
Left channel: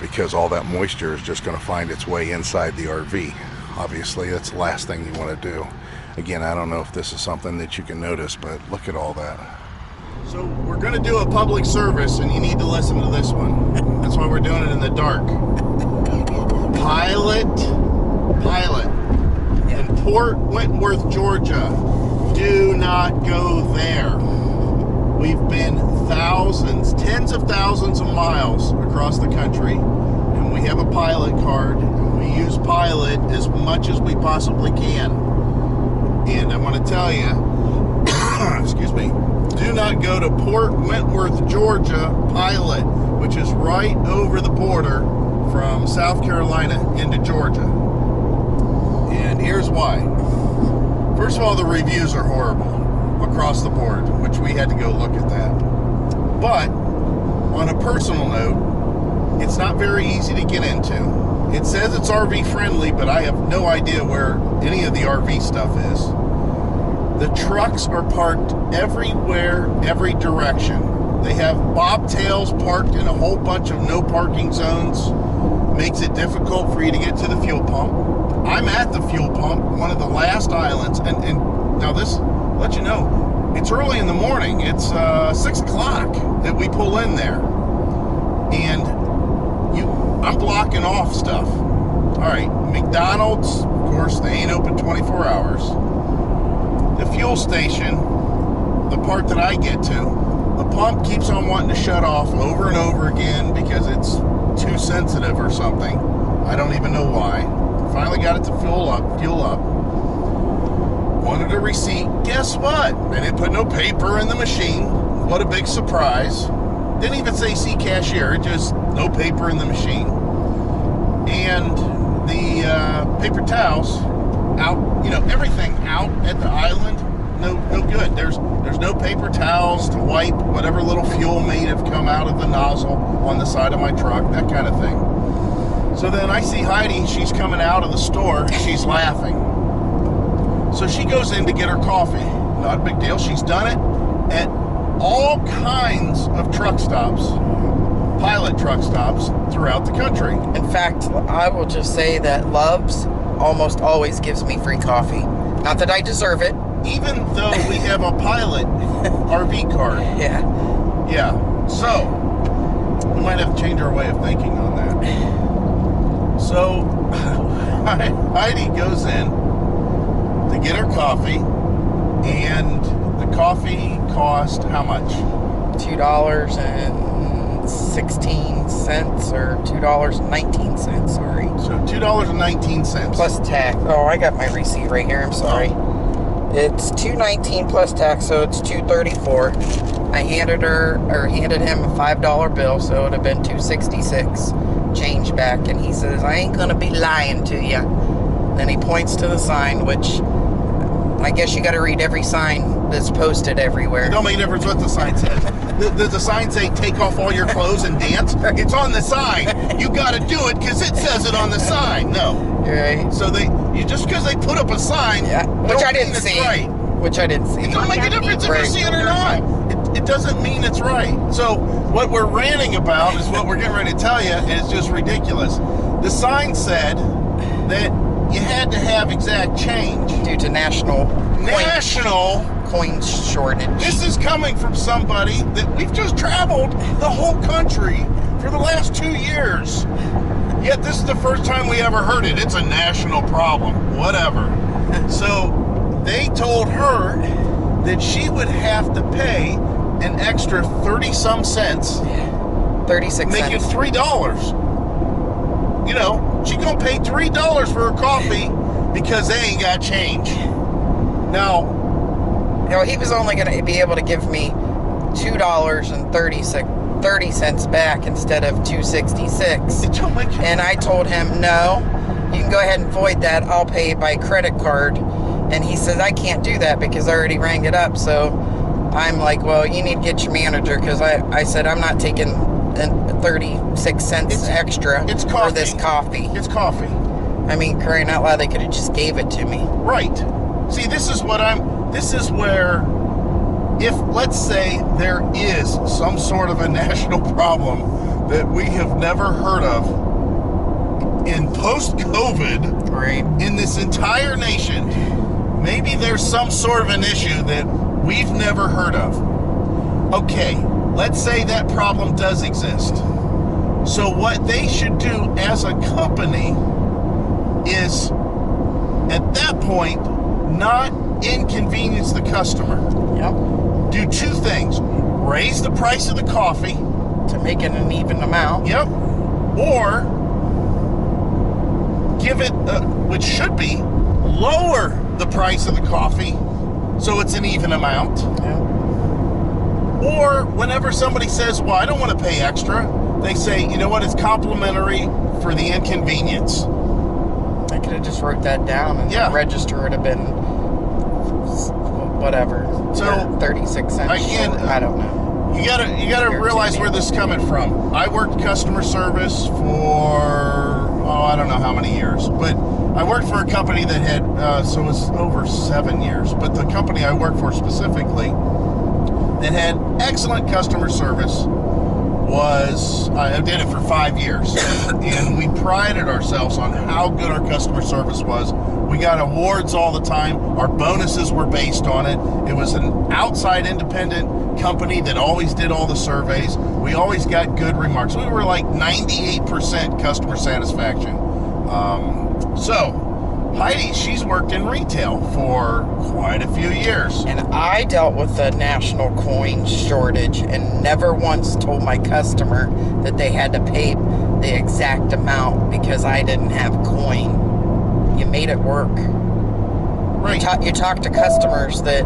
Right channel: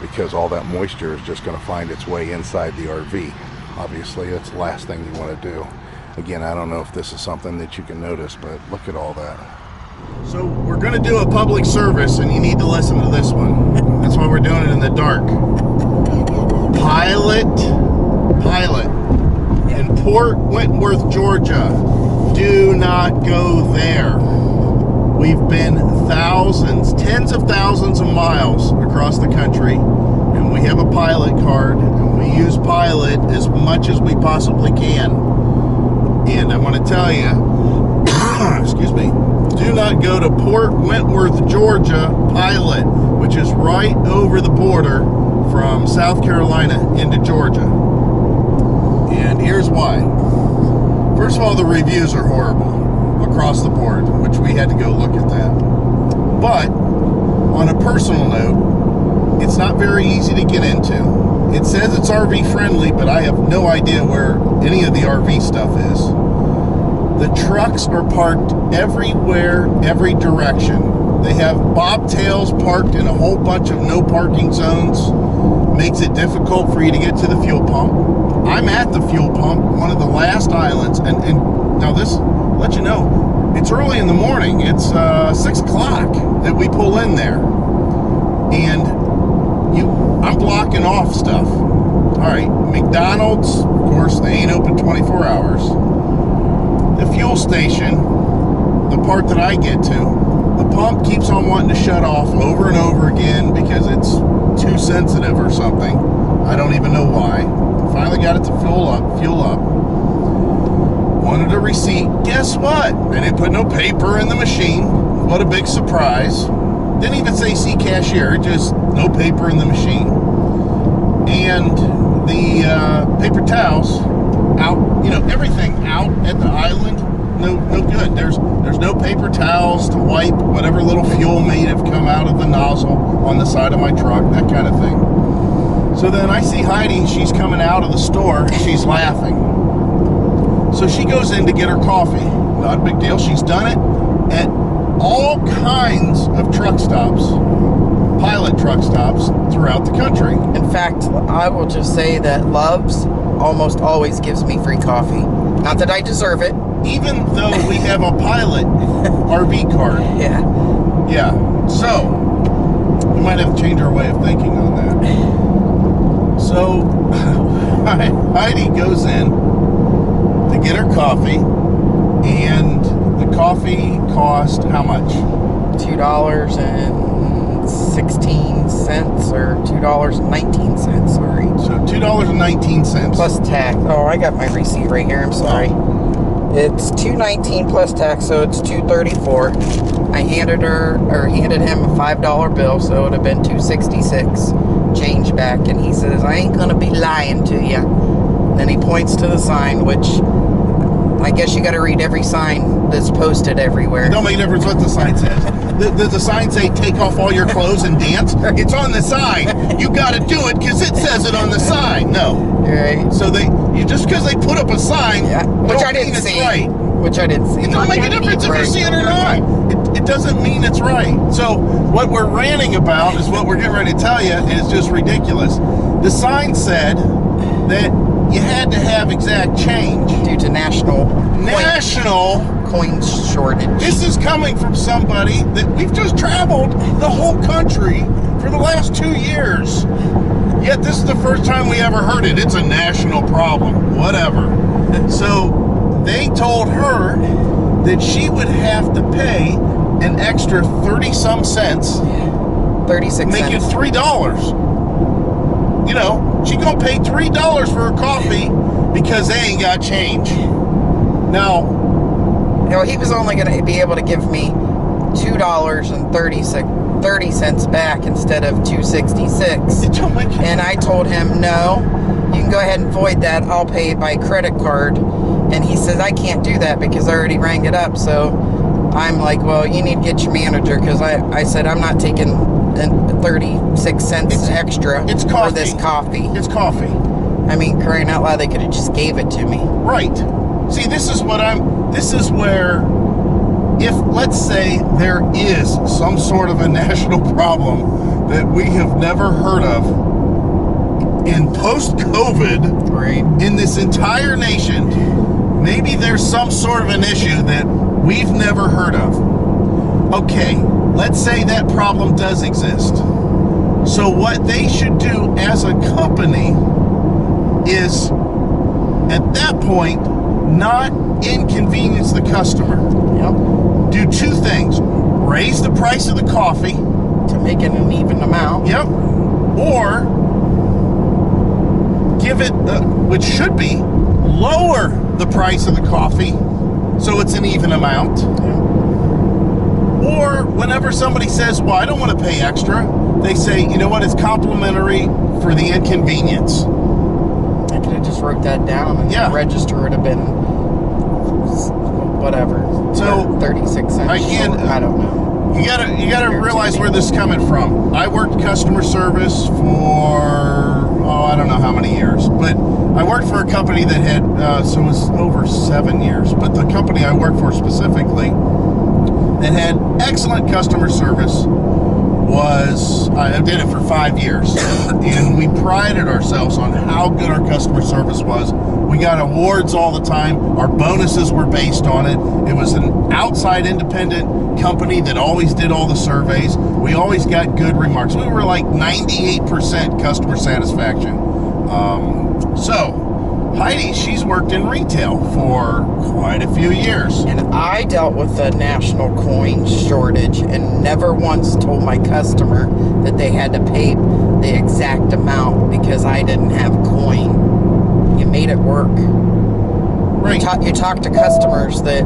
because all that moisture is just going to find its way inside the RV. Obviously, that's the last thing you want to do. Again, I don't know if this is something that you can notice, but look at all that. So we're going to do a public service, and you need to listen to this one. That's why we're doing it in the dark. Pilot in Port Wentworth, Georgia. Do not go there. We've been thousands, tens of thousands of miles across the country, and we have a pilot card, and we use Pilot as much as we possibly can. And I want to tell you, excuse me, do not go to Port Wentworth, Georgia, Pilot, which is right over the border from South Carolina into Georgia. And here's why. First of all, the reviews are horrible across the board, which we had to go look at that. But on a personal note, it's not very easy to get into. It says it's RV friendly, but I have no idea where any of the RV stuff is. The trucks are parked everywhere, every direction. They have bobtails parked in a whole bunch of no parking zones. Makes it difficult for you to get to the fuel pump. I'm at the fuel pump, one of the last islands, and now this, let you know, it's early in the morning. It's 6 o'clock that we pull in there, and I'm blocking off stuff. All right, McDonald's, of course, they ain't open 24 hours. The fuel station, the part that I get to, the pump keeps on wanting to shut off over and over again because it's too sensitive or something. I don't even know why. Finally got it to fuel up. Wanted a receipt. Guess what? They didn't put no paper in the machine. What a big surprise. Didn't even say see cashier, just no paper in the machine. And the paper towels out, everything out at the island, no good. There's no paper towels to wipe whatever little fuel may have come out of the nozzle on the side of my truck, that kind of thing. So then I see Heidi, she's coming out of the store, and she's laughing. So she goes in to get her coffee. Not a big deal. She's done it at all kinds of truck stops, pilot truck stops throughout the country. In fact, I will just say that Love's almost always gives me free coffee. Not that I deserve it. Even though we have a pilot RV card. Yeah. Yeah. So, we might have to change our way of thinking on that. So, Heidi goes in to get her coffee, and the coffee cost how much? $2.16 or $2.19, sorry. So $2.19. Plus tax. Oh, I got my receipt right here. I'm sorry. It's $2.19 plus tax, so it's $2.34. I handed him a $5 bill, so it would have been $2.66 change back, and he says, I ain't gonna be lying to you. Then he points to the sign, which I guess you got to read every sign that's posted everywhere. It don't make a difference what the sign says. Does the sign say take off all your clothes and dance? It's on the sign. You got to do it because it says it on the sign. No. Right. So just because they put up a sign, which I didn't see. Right. Which I didn't see. It don't make a difference if you see it or not. It doesn't mean it's right. So what we're ranting about is what we're getting ready to tell you is just ridiculous. The sign said that you had to have exact change due to national coin shortage. This is coming from somebody that we've just traveled the whole country for the last 2 years. Yet this is the first time we ever heard it. It's a national problem. Whatever. So they told her that she would have to pay an extra 30-some cents. 36 make cents. it $3. You know, she gonna pay $3 for her coffee because they ain't got change. Now, he was only gonna be able to give me $2.30 back instead of $2.66. And I told him, no, you can go ahead and void that. I'll pay by credit card. And he says, I can't do that because I already rang it up. So I'm like, well, you need to get your manager, because I said I'm not taking 36 cents extra for this coffee. It's coffee. I mean, crying out loud, they could have just gave it to me. Right. See, this is where, if, let's say, there is some sort of a national problem that we have never heard of in post-COVID, right, in this entire nation, maybe there's some sort of an issue that we've never heard of. Okay, let's say that problem does exist. So what they should do as a company is, at that point, not inconvenience the customer. Yep. Do two things. Raise the price of the coffee. To make it an even amount. Yep. Or give it, which should be, lower the price of the coffee so it's an even amount. Yeah. Or whenever somebody says, well, I don't want to pay extra, they say, you know what, it's complimentary for the inconvenience. I could have just wrote that down, and the register would have been whatever. So 36 cents. Again, I don't know. You gotta realize where this is coming from. I worked customer service for, I don't know how many years, but I worked for a company that had, so it was over 7 years, but the company I worked for specifically that had excellent customer service I did it for 5 years, and we prided ourselves on how good our customer service was. We got awards all the time. Our bonuses were based on it. It was an outside independent company that always did all the surveys. We always got good remarks. We were like 98% customer satisfaction. So Heidi, she's worked in retail for quite a few years. And I dealt with the national coin shortage and never once told my customer that they had to pay the exact amount because I didn't have coin. You made it work. Right. You talk to customers that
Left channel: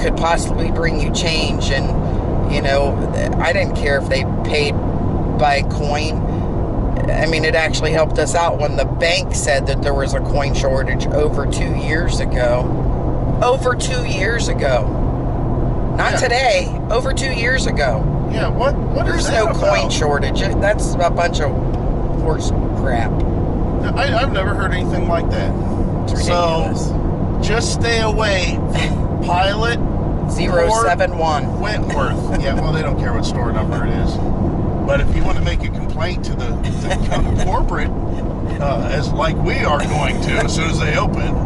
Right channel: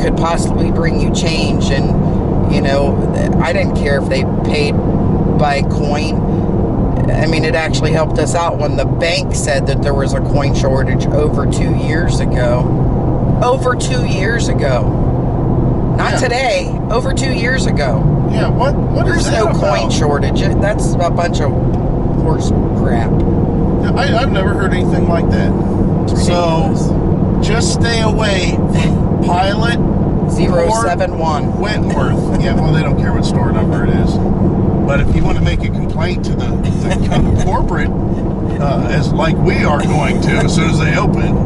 could possibly bring you change, and, you know, I didn't care if they paid by coin. I mean, it actually helped us out when the bank said that there was a coin shortage over 2 years ago. Over 2 years ago. Not today. Over 2 years ago. Yeah, what There's is that no about? coin shortage. That's a bunch of horse crap. I've never heard anything like that. It's ridiculous. So just stay away from pilot 071. Wentworth. Yeah, well, they don't care what store number it is. But if you want to make a complaint to the corporate, as like we are going to as soon as they open,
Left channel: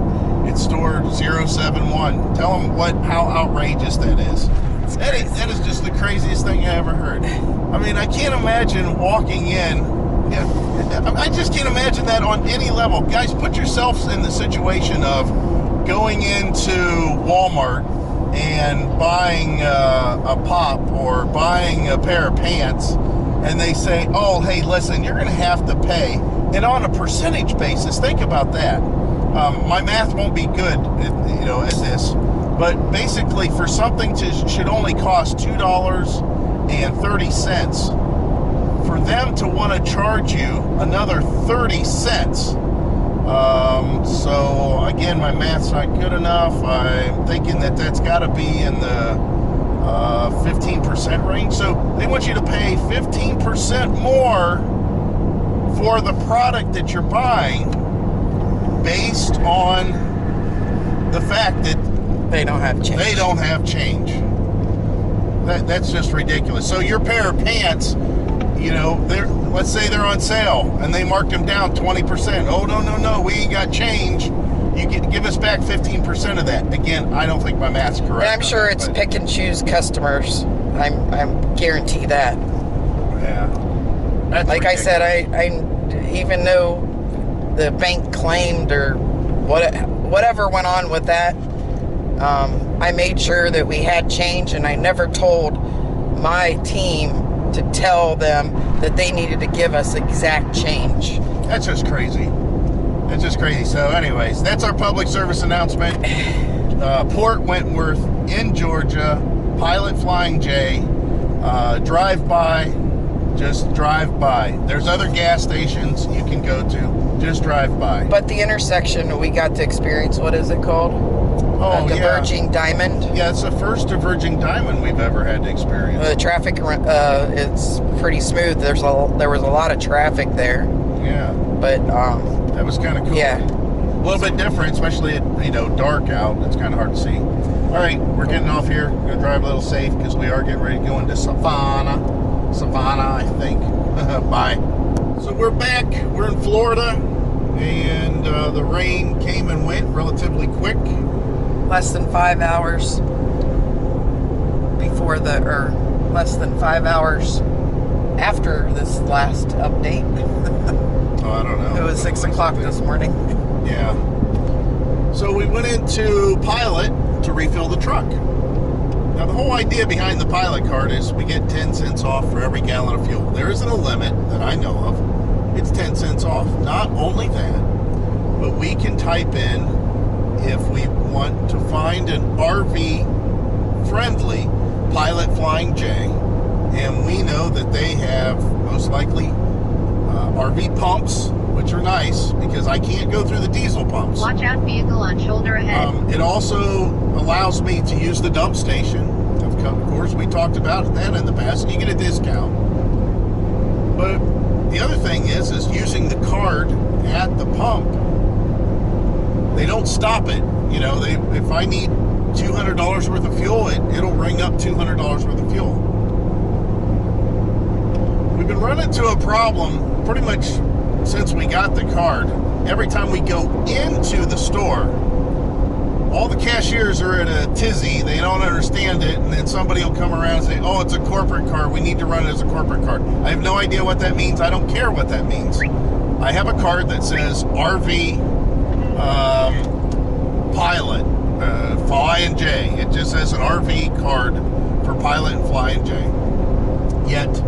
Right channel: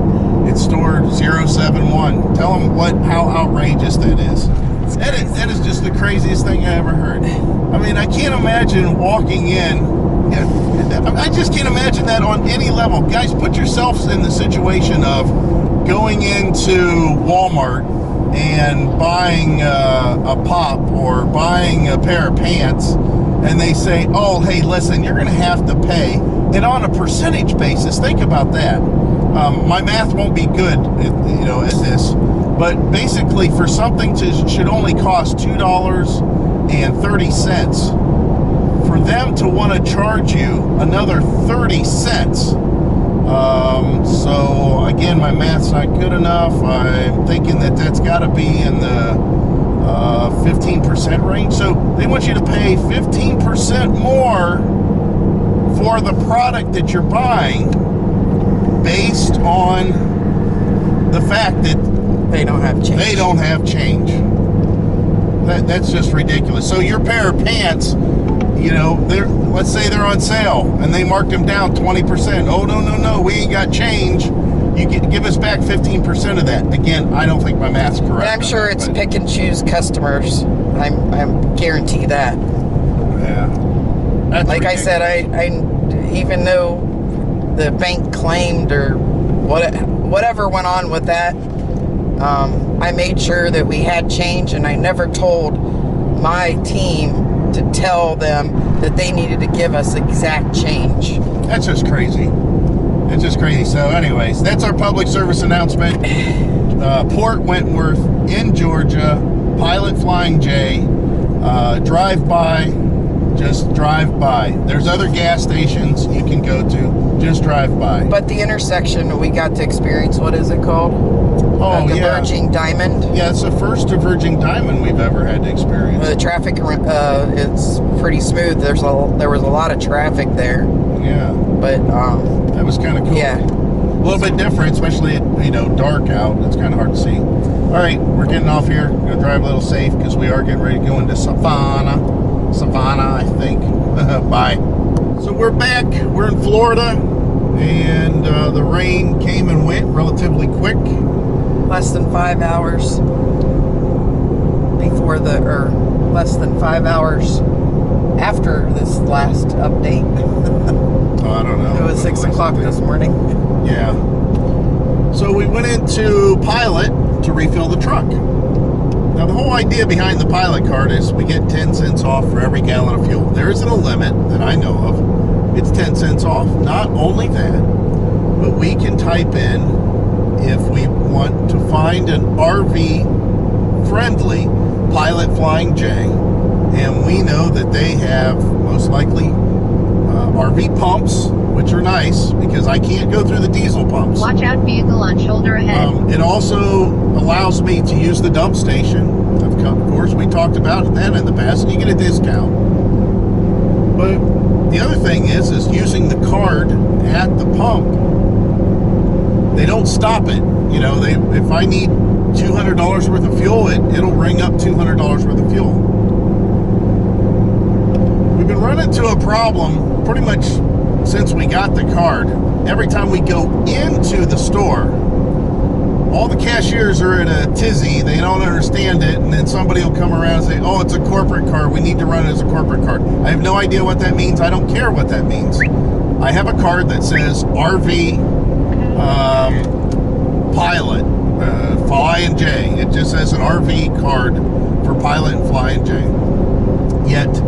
it's store 071. Tell them how outrageous that is. That is just the craziest thing I ever heard. I mean, I can't imagine walking in. I just can't imagine that on any level. Guys, put yourselves in the situation of going into Walmart and buying a pop or buying a pair of pants, and they say, oh, hey, listen, you're going to have to pay. And on a percentage basis, think about that. My math won't be good, at this. But basically, for something should only cost $2.30, for them to want to charge you another 30 cents. So again, my math's not good enough. I'm thinking that's got to be in the 15% range. So they want you to pay 15% more for the product that you're buying, based on the fact that they don't have change. They don't have change. That's just ridiculous. So your pair of pants, let's say they're on sale and they marked them down 20%. Oh, no, we ain't got change. You give us back 15% of that. Again, I don't think my math's correct. And I'm sure it's pick and choose customers. I'm guarantee that. Yeah. That's like ridiculous. I said, I even though the bank claimed or whatever went on with that, I made sure that we had change, and I never told my team to tell them that they needed to give us exact change. That's just crazy. It's just crazy. So anyways, that's our public service announcement. Port Wentworth in Georgia, Pilot Flying J, drive by, just drive by. There's other gas stations you can go to, just drive by. But the intersection we got to experience, what is it called? Diverging Diamond. Yeah, it's the first diverging diamond we've ever had to experience. The traffic, it's pretty smooth. There was a lot of traffic there. Yeah. But that was kind of cool. Yeah. A little bit different, especially at dark out. It's kind of hard to see. All right, we're getting off here. We're gonna drive a little safe because we are getting ready to go into Savannah, I think. Bye. So we're back. We're in Florida, and the rain came and went relatively quick. Less than 5 hours less than 5 hours after this last update. I don't know. It was 6 o'clock this morning. Yeah. So we went into Pilot to refill the truck. Now, the whole idea behind the Pilot card is we get 10 cents off for every gallon of fuel. There isn't a limit that I know of. It's 10 cents off. Not only that, but we can type in, if we want to find an RV-friendly Pilot Flying J, and we know that they have most likely RV pumps, which are nice because I can't go through the diesel pumps. Watch out, vehicle on shoulder ahead. It also allows me to use the dump station. Of course, we talked about that in the past, and you get a discount. But the other thing is using the card at the pump. They don't stop it. If I need $200 worth of fuel, it'll ring up $200 worth of fuel. We've been running into a problem pretty much since we got the card. Every time we go into the store, all the cashiers are in a tizzy. They don't understand it, and then somebody will come around and say, oh, it's a corporate card. We need to run it as a corporate card. I have no idea what that means. I don't care what that means. I have a card that says RV Pilot Flying J. It just says an RV card for Pilot and Flying J. Yet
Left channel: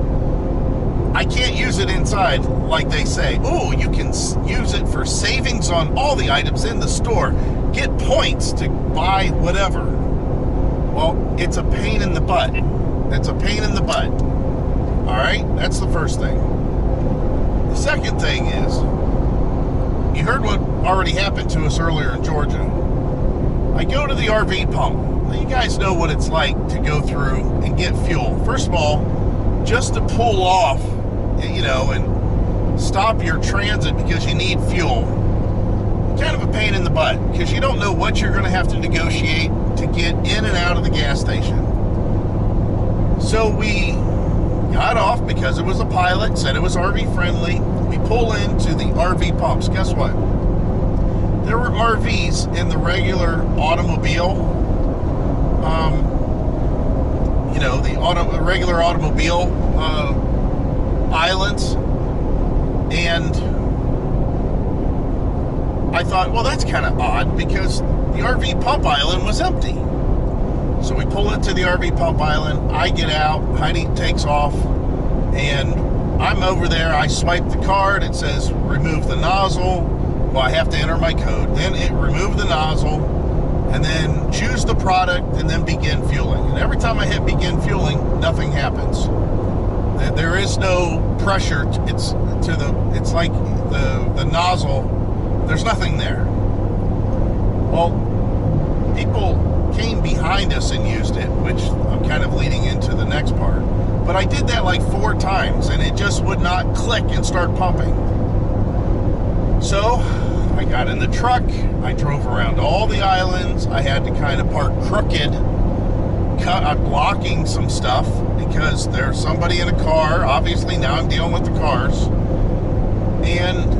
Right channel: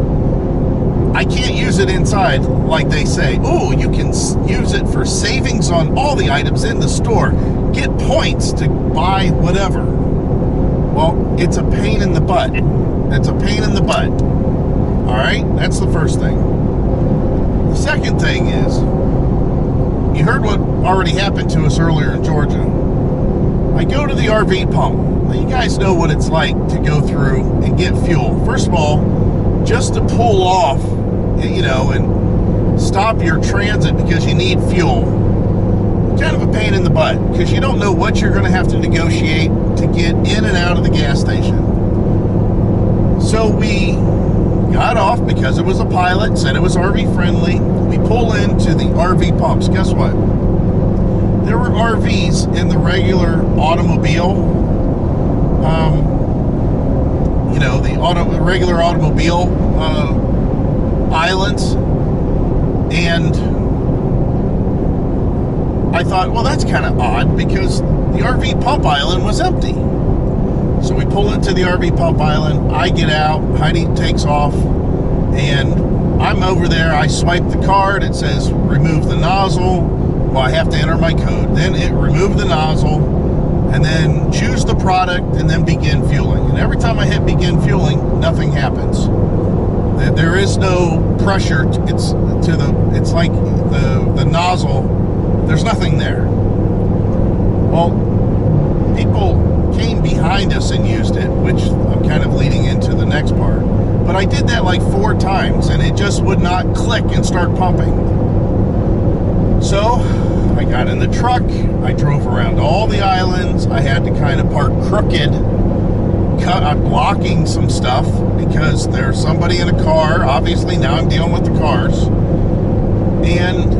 I can't use it inside like they say. Oh, you can use it for savings on all the items in the store. Get points to buy whatever. Well, it's a pain in the butt. It's a pain in the butt. All right, that's the first thing. The second thing is, you heard what already happened to us earlier in Georgia. I go to the RV pump. Now, you guys know what it's like to go through and get fuel. First of all, just to pull off, and stop your transit because you need fuel, kind of a pain in the butt because you don't know what you're going to have to negotiate to get in and out of the gas station. So we got off because it was a pilot, said it was RV friendly. We pull into the RV pumps. Guess what? There were RVs in the regular automobile, the regular automobile islands, and I thought, well, that's kind of odd because the RV pump island was empty. So we pull into the RV pump island. I get out. Heidi takes off, and I'm over there. I swipe the card. It says remove the nozzle. Well, I have to enter my code. Then it remove the nozzle, and then choose the product, and then begin fueling. And every time I hit begin fueling, nothing happens. There is no pressure. It's like the nozzle. There's nothing there. Well, people came behind us and used it, which I'm kind of leading into the next part. But I did that like 4 times, and it just would not click and start pumping. So I got in the truck. I drove around all the islands. I had to kind of park crooked. I'm blocking some stuff because there's somebody in a car. Obviously, now I'm dealing with the cars. And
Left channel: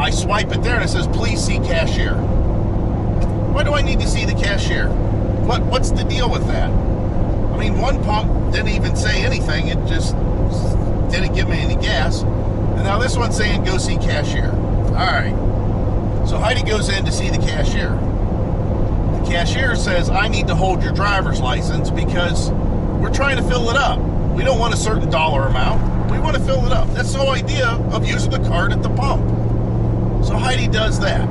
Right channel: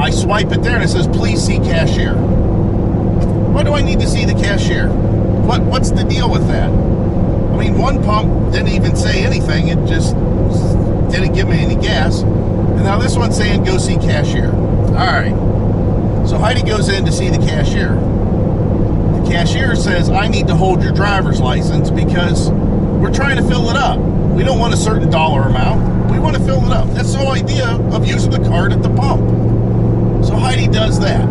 I swipe it there, and it says, please see cashier. Why do I need to see the cashier? What's the deal with that? I mean, one pump didn't even say anything. It just didn't give me any gas. And now this one's saying, go see cashier. All right. So Heidi goes in to see the cashier. The cashier says, I need to hold your driver's license because we're trying to fill it up. We don't want a certain dollar amount. We want to fill it up. That's the whole idea of using the card at the pump. So Heidi does that.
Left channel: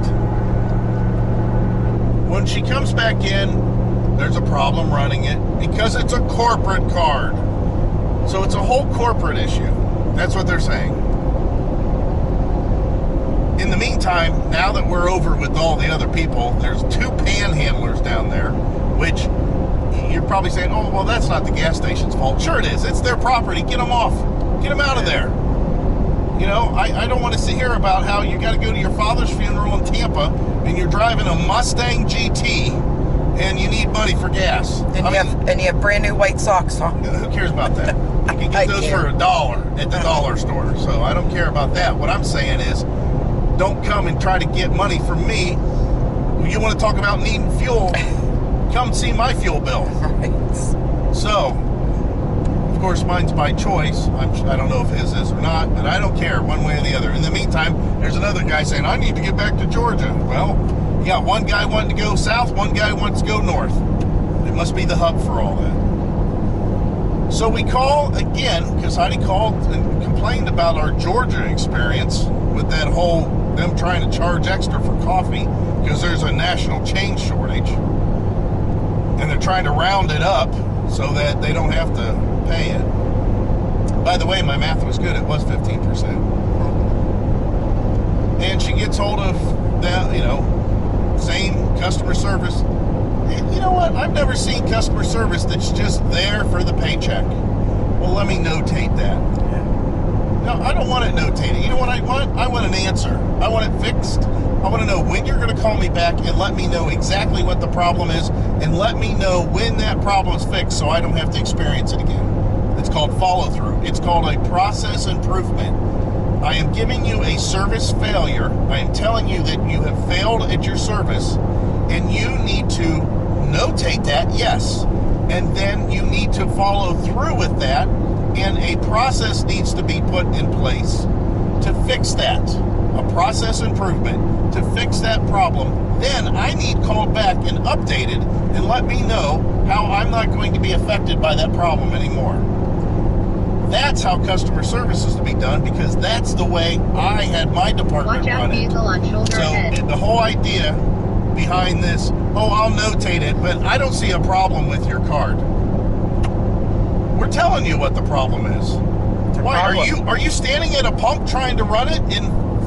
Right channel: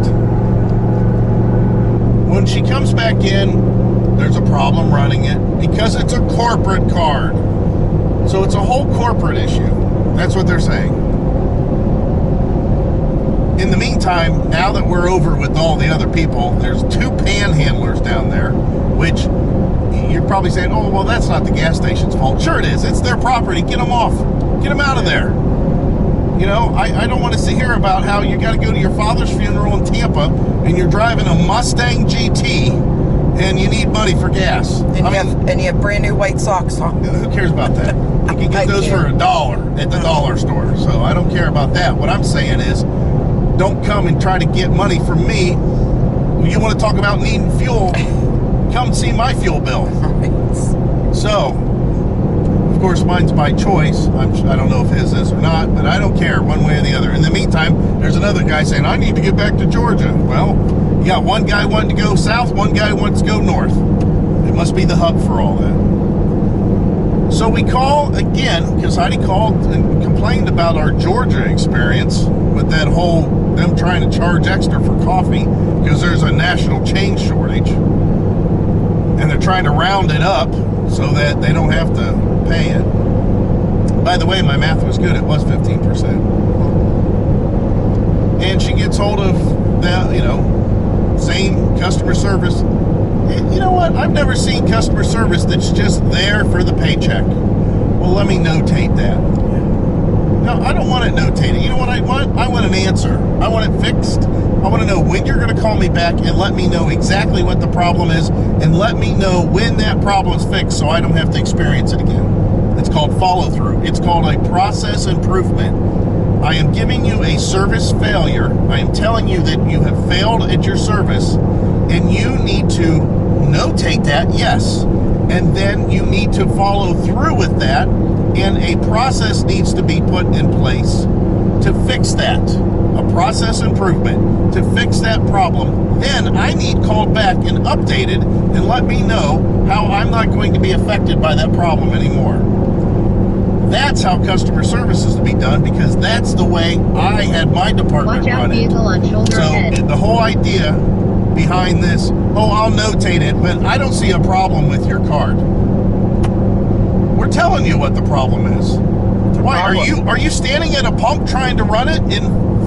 When she comes back in, there's a problem running it because it's a corporate card. So it's a whole corporate issue. That's what they're saying. In the meantime, now that we're over with all the other people, there's 2 panhandlers down there, which you're probably saying, oh, well, that's not the gas station's fault. Sure it is. It's their property. Get them off. Get them out of there. You know, I don't want to hear about how you got to go to your father's funeral in Tampa and you're driving a Mustang GT and you need money for gas. And you have brand new white socks on. Who cares about that? You can get those for $1 at the dollar store. So I don't care about that. What I'm saying is, don't come and try to get money from me. You want to talk about needing fuel? Come see my fuel bill. Right. So, of course, mine's by choice. I don't know if his is or not, but I don't care one way or the other. In the meantime, there's another guy saying, I need to get back to Georgia. Well, you got one guy wanting to go south, one guy wants to go north. It must be the hub for all that. So we call again, because Heidi called and complained about our Georgia experience with that whole, them trying to charge extra for coffee because there's a national chain shortage. And they're trying to round it up so that they don't have to pay it. By the way, my math was good. It was 15%. And she gets hold of that, same customer service. You know what? I've never seen customer service that's just there for the paycheck. Well, let me notate that. No, I don't want it notated. You know what I want? I want an answer. I want it fixed. I want to know when you're going to call me back and let me know exactly what the problem is and let me know when that problem is fixed so I don't have to experience it again. It's called follow-through. It's called a process improvement. I am giving you a service failure. I am telling you that you have failed at your service and you need to notate that, yes. And then you need to follow through with that, and a process needs to be put in place to fix that. A process improvement to fix that problem. Then I need called back and updated and let me know how I'm not going to be affected by that problem anymore. That's how customer service is to be done because that's the way I had my department Watch out, run it. vehicle on shoulder ahead. So the whole idea behind this, I'll notate it, but I don't see a problem with your card. We're telling you what the problem is. Why are you standing at a pump trying to run it in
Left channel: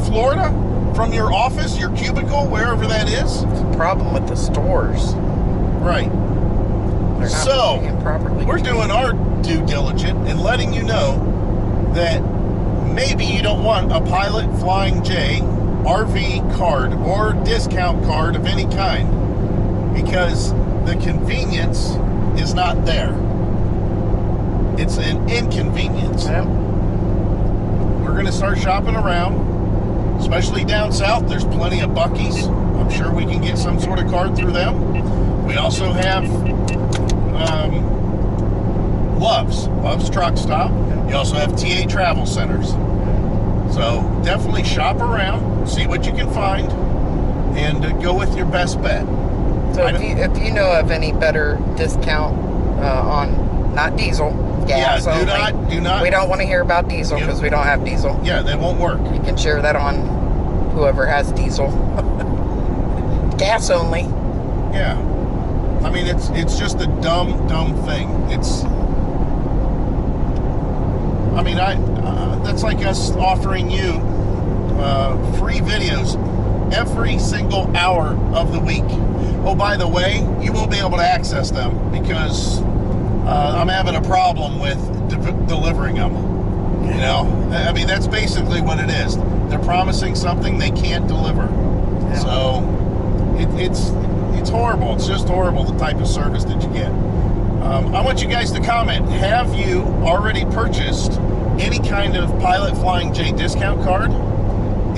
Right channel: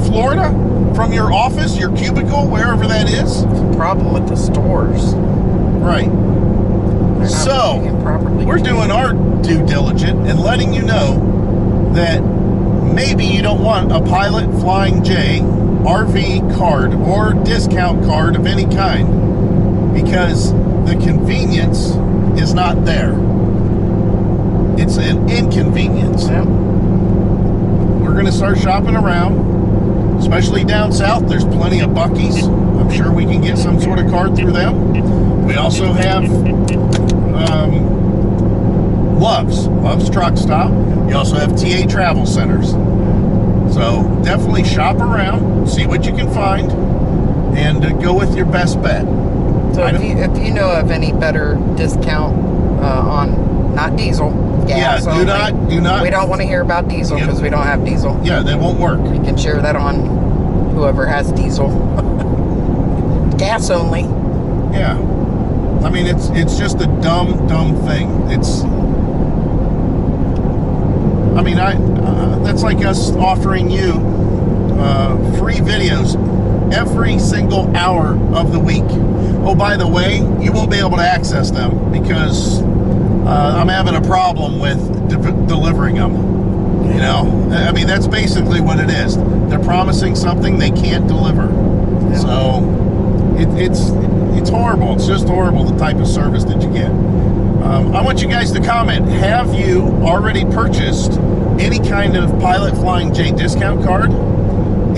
Florida from your office, your cubicle, wherever that is? It's a problem with the stores. Right. They're not So being properly we're doing our due diligence and letting you know that maybe you don't want a Pilot Flying J RV card or discount card of any kind because the convenience is not there. It's an inconvenience. Yep. We're going to start shopping around, especially down south. There's plenty of Buc-ee's. I'm sure we can get some sort of card through them. We also have Love's Truck Stop. You also have TA Travel Centers. So definitely shop around, see what you can find, and go with your best bet. So if you know of any better discount on not diesel, gas only. do not. We don't want to hear about diesel because we don't have diesel. Yeah, that won't work. You can share that on whoever has diesel. Gas only. Yeah. I mean, it's just a dumb thing. That's like us offering you free videos every single hour of the week. Oh, by the way, you won't be able to access them because I'm having a problem with delivering them. You know, I mean, that's basically what it is. They're promising something they can't deliver. Yeah. So it's horrible. It's just horrible, the type of service that you get. I want you guys to comment. Have you already purchased any kind of Pilot Flying J discount card?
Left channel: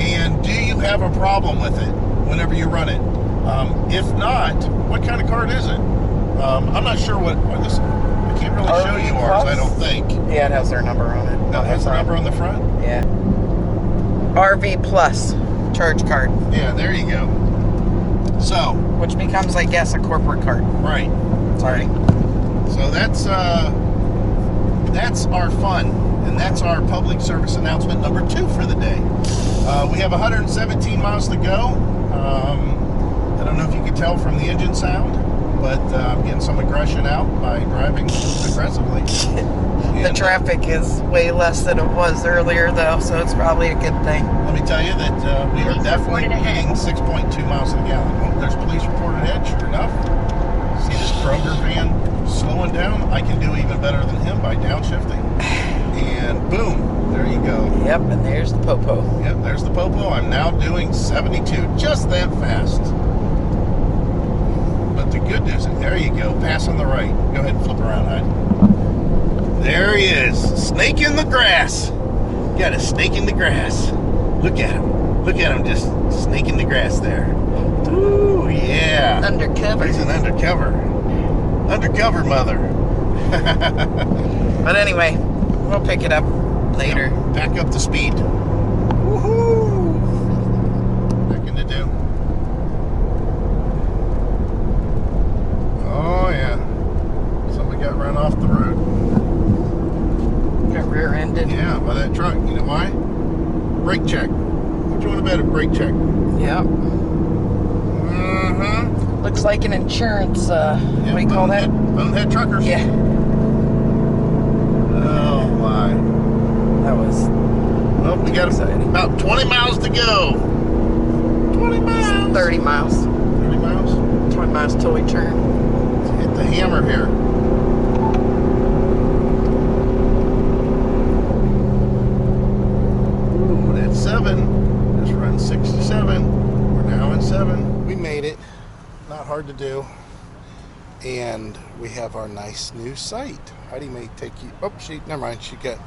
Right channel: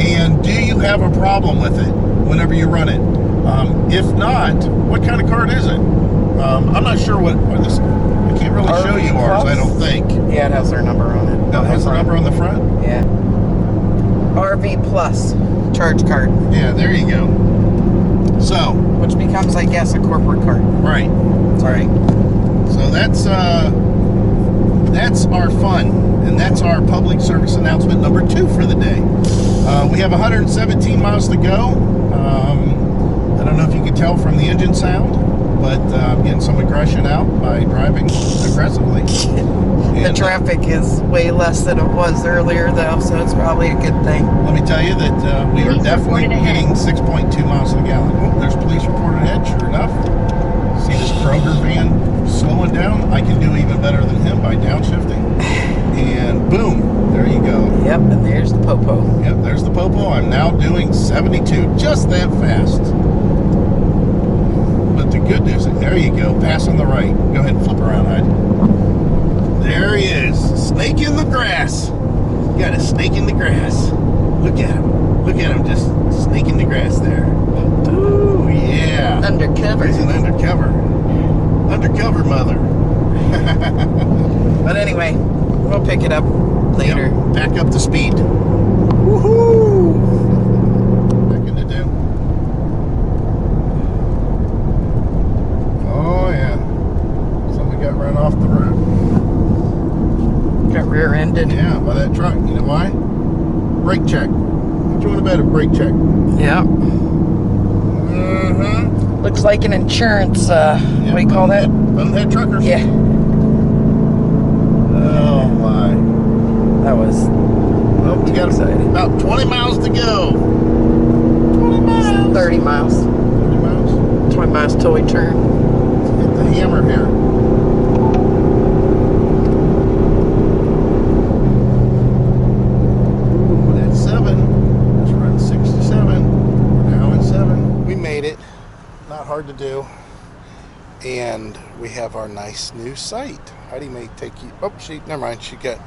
And do you have a problem with it whenever you run it? If not, what kind of card is it? I'm not sure what this. I can't really show you ours, I don't think. Yeah, it has their number on it. No, it has the number on the front? Yeah. RV Plus charge card. Yeah, there you go. So, which becomes, I guess, a corporate card. Right. Sorry. So that's our fun, and that's our public service announcement number 2 for the day. We have 117 miles to go. I don't know if you can tell from the engine sound, but I'm getting some aggression out by driving aggressively. The traffic is way less than it was earlier, though, so it's probably a good thing. Let me tell you that we are definitely hitting 6.2 miles to the gallon. Oh, there's police report ahead, sure enough. See this Kroger van slowing down? I can do even better than him by downshifting. And boom, there you go. Yep, and there's the Popo. Yep, there's the Popo. I'm now doing 72, just that fast. But the good news is, there you go, passing the right. Go ahead and flip around, Hyde. There he is, snake in the grass. Got a snake in the grass. Look at him. Look at him just snaking the grass there. Ooh, yeah. Undercover. He's an undercover mother. But anyway, we'll pick it up later. Yep, back up to speed. Woohoo! Nothing to do. Oh yeah. Somebody got run off the road. Got rear-ended. Yeah, by that truck. You know why? Brake check. What you want about a brake check? Yep. Mm-hmm. Looks like an insurance, what do you call that? Bonehead truckers. Yeah. Oh my. That was Well, we got exciting. about 20 miles to go. 20 miles. 30 miles. 30 miles. 20 miles till we turn. Let's hit the hammer here. Ooh, that's 7. Just run 67. We're now at 7. We made it. Not hard to do. And we have our nice new site. Heidi may take you. Oh, never mind. She got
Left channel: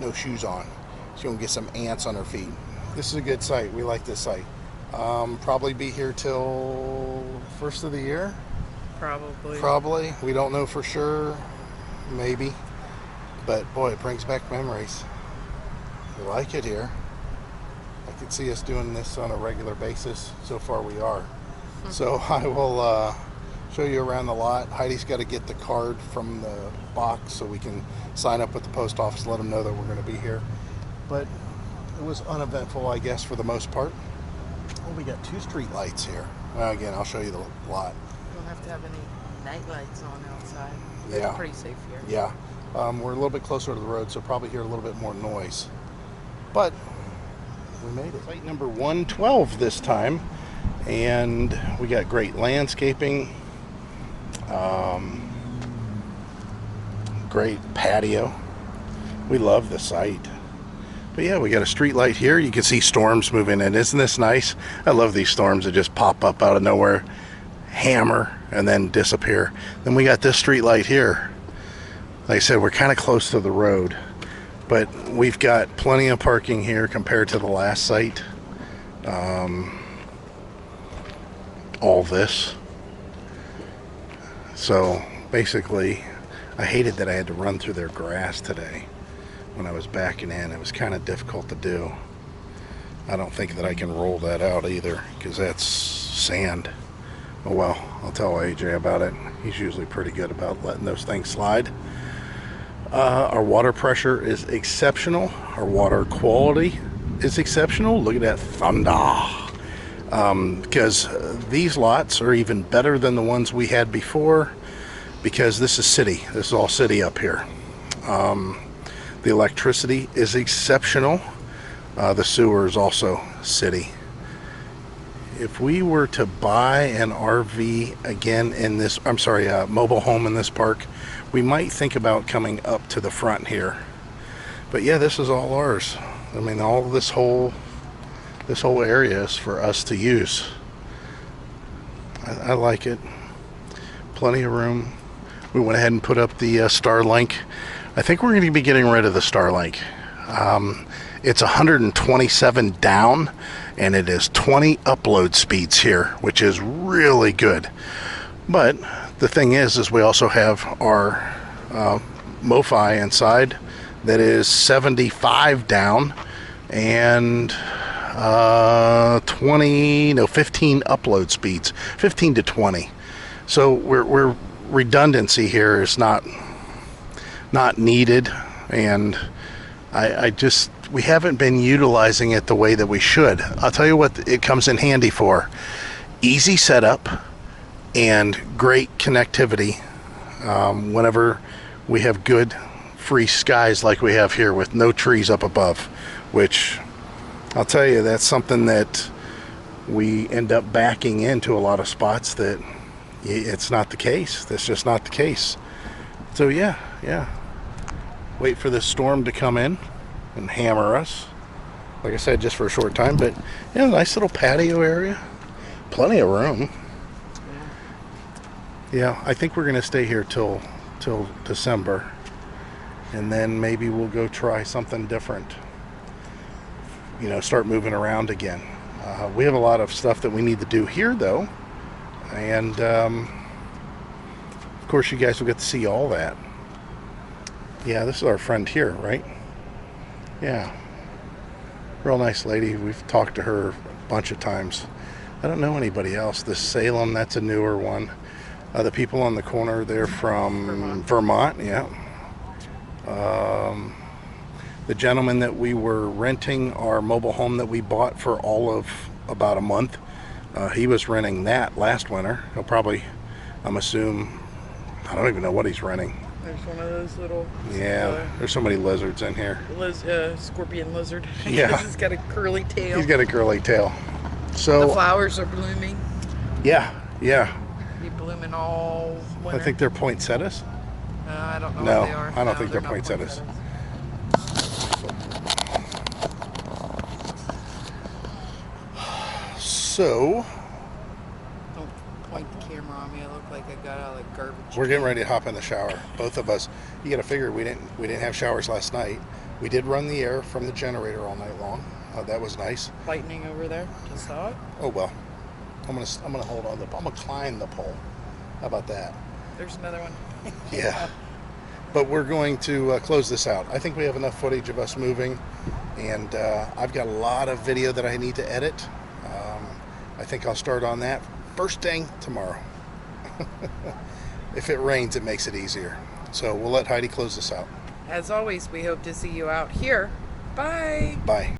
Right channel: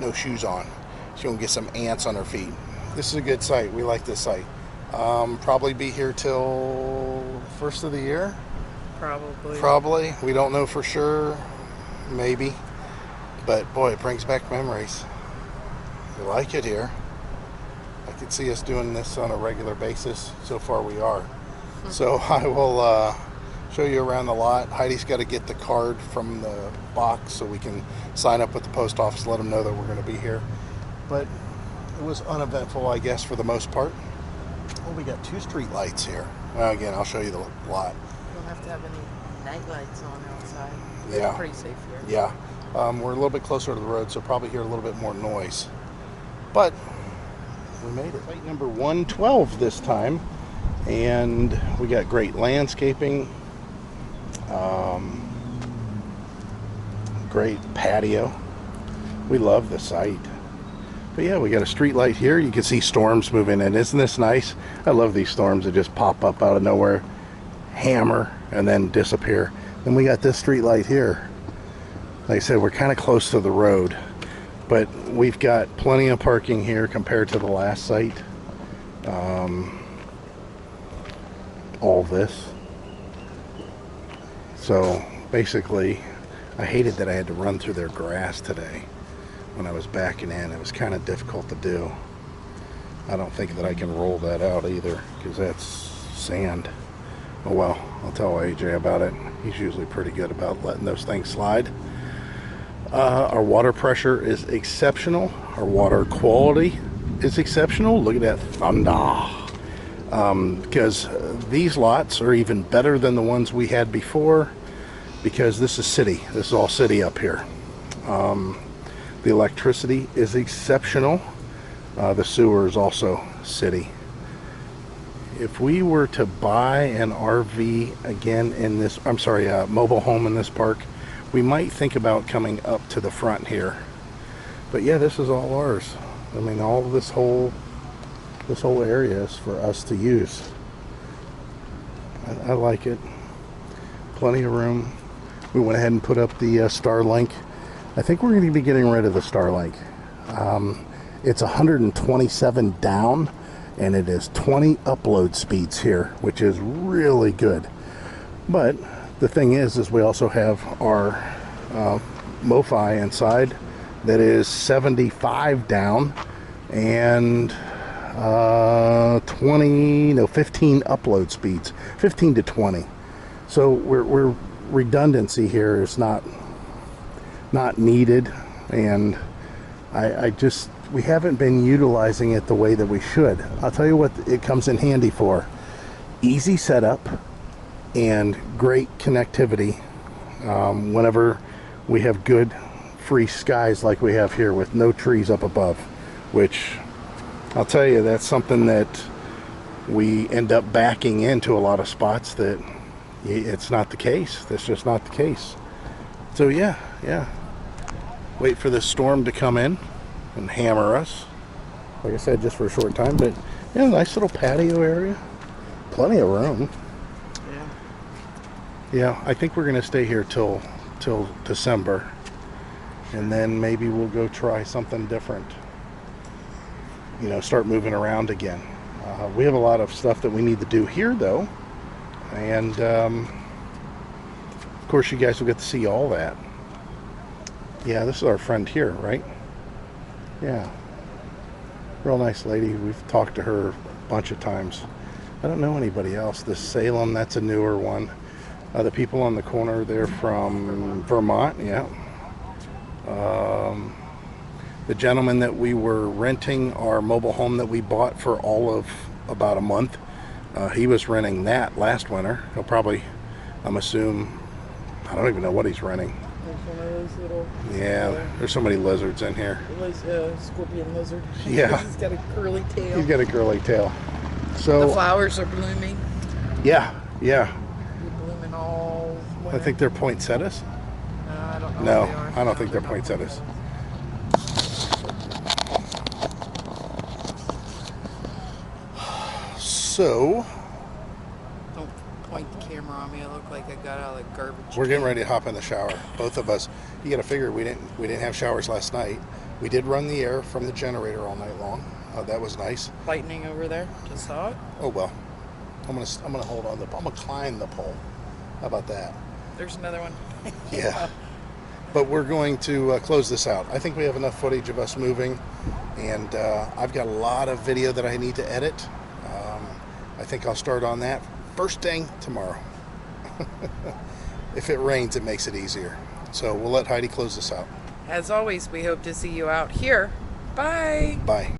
no shoes on. She's gonna get some ants on her feet. This is a good site. We like this site. Probably be here till first of the year. Probably. We don't know for sure. Maybe. But boy, it brings back memories. We like it here. I could see us doing this on a regular basis. So far we are. So I will show you around the lot. Heidi's got to get the card from the box so we can sign up with the post office, let them know that we're going to be here. But it was uneventful, I guess, for the most part. Well, we got 2 street lights here. Well, again, I'll show you the lot. You don't have to have any night lights on outside. Yeah. It's pretty safe here. Yeah. We're a little bit closer to the road, so probably hear a little bit more noise. But we made it. Site number 112 this time. And we got great landscaping. Great patio. We love the site. But yeah, we got a street light here. You can see storms moving in. Isn't this nice? I love these storms that just pop up out of nowhere. hammer, and then disappear. Then we got this street light here. Like I said, we're kind of close to the road, but we've got plenty of parking here compared to the last site. All this. So basically, I hated that I had to run through their grass today when I was backing in. It was kind of difficult to do. I don't think that I can roll that out either, because that's sand. Oh well, I'll tell AJ about it. He's usually pretty good about letting those things slide. Our water pressure is exceptional. Our water quality is exceptional. Look at that thunder. Because these lots are even better than the ones we had before, because this is city. This is all city up here. The electricity is exceptional. The sewer is also city. If we were to buy an RV again in this, mobile home in this park, we might think about coming up to the front here. But yeah, this is all ours. I mean, all this whole area is for us to use. I like it. Plenty of room. We went ahead and put up the Starlink. I think we're going to be getting rid of the Starlink. It's 127 down, and it is 20 upload speeds here, which is really good. But the thing is we also have our MoFi inside that is 75 down and 15 upload speeds, 15 to 20. So we're redundancy here is not needed, and we haven't been utilizing it the way that we should. I'll tell you what it comes in handy for: easy setup and great connectivity whenever we have good free skies like we have here with no trees up above, which I'll tell you, that's something that we end up backing into a lot of spots that it's not the case. That's just not the case. So yeah. Wait for this storm to come in and hammer us. Like I said, just for a short time, but yeah, nice little patio area. Plenty of room. Yeah, I think we're gonna stay here till December, and then maybe we'll go try something different. You know, start moving around again. We have a lot of stuff that we need to do here though, and of course you guys will get to see all that. Yeah, this is our friend here, right? Yeah, real nice lady. We've talked to her a bunch of times. I don't know anybody else. This Salem, that's a newer one. The people on the corner, they're from Vermont, yeah. The gentleman that we were renting our mobile home that we bought for all of about a month, he was renting that last winter. He'll probably, I don't even know what he's renting. There's one of those little... Yeah, there's so many lizards in here. Scorpion lizard. Yeah. He's got a curly tail. He's got a curly tail. So the flowers are blooming. Yeah. Be blooming all winter. I think they're poinsettias. I don't know No, what they are. I don't think they're not poinsettias. So Don't point the camera on me. I look like I got out of the garbage. we're getting ready to hop in the shower. Both of us. You got to figure we didn't have showers last night. We did run the air from the generator all night long. That was nice. Lightning over there. Just saw it. Oh well. I'm gonna hold on. I'm gonna climb the pole. How about that? There's another one. Yeah. But we're going to close this out. I think we have enough footage of us moving, and I've got a lot of video that I need to edit. I think I'll start on that first thing tomorrow. If it rains, it makes it easier. So we'll let Heidi close this out. As always, we hope to see you out here. Bye. Bye.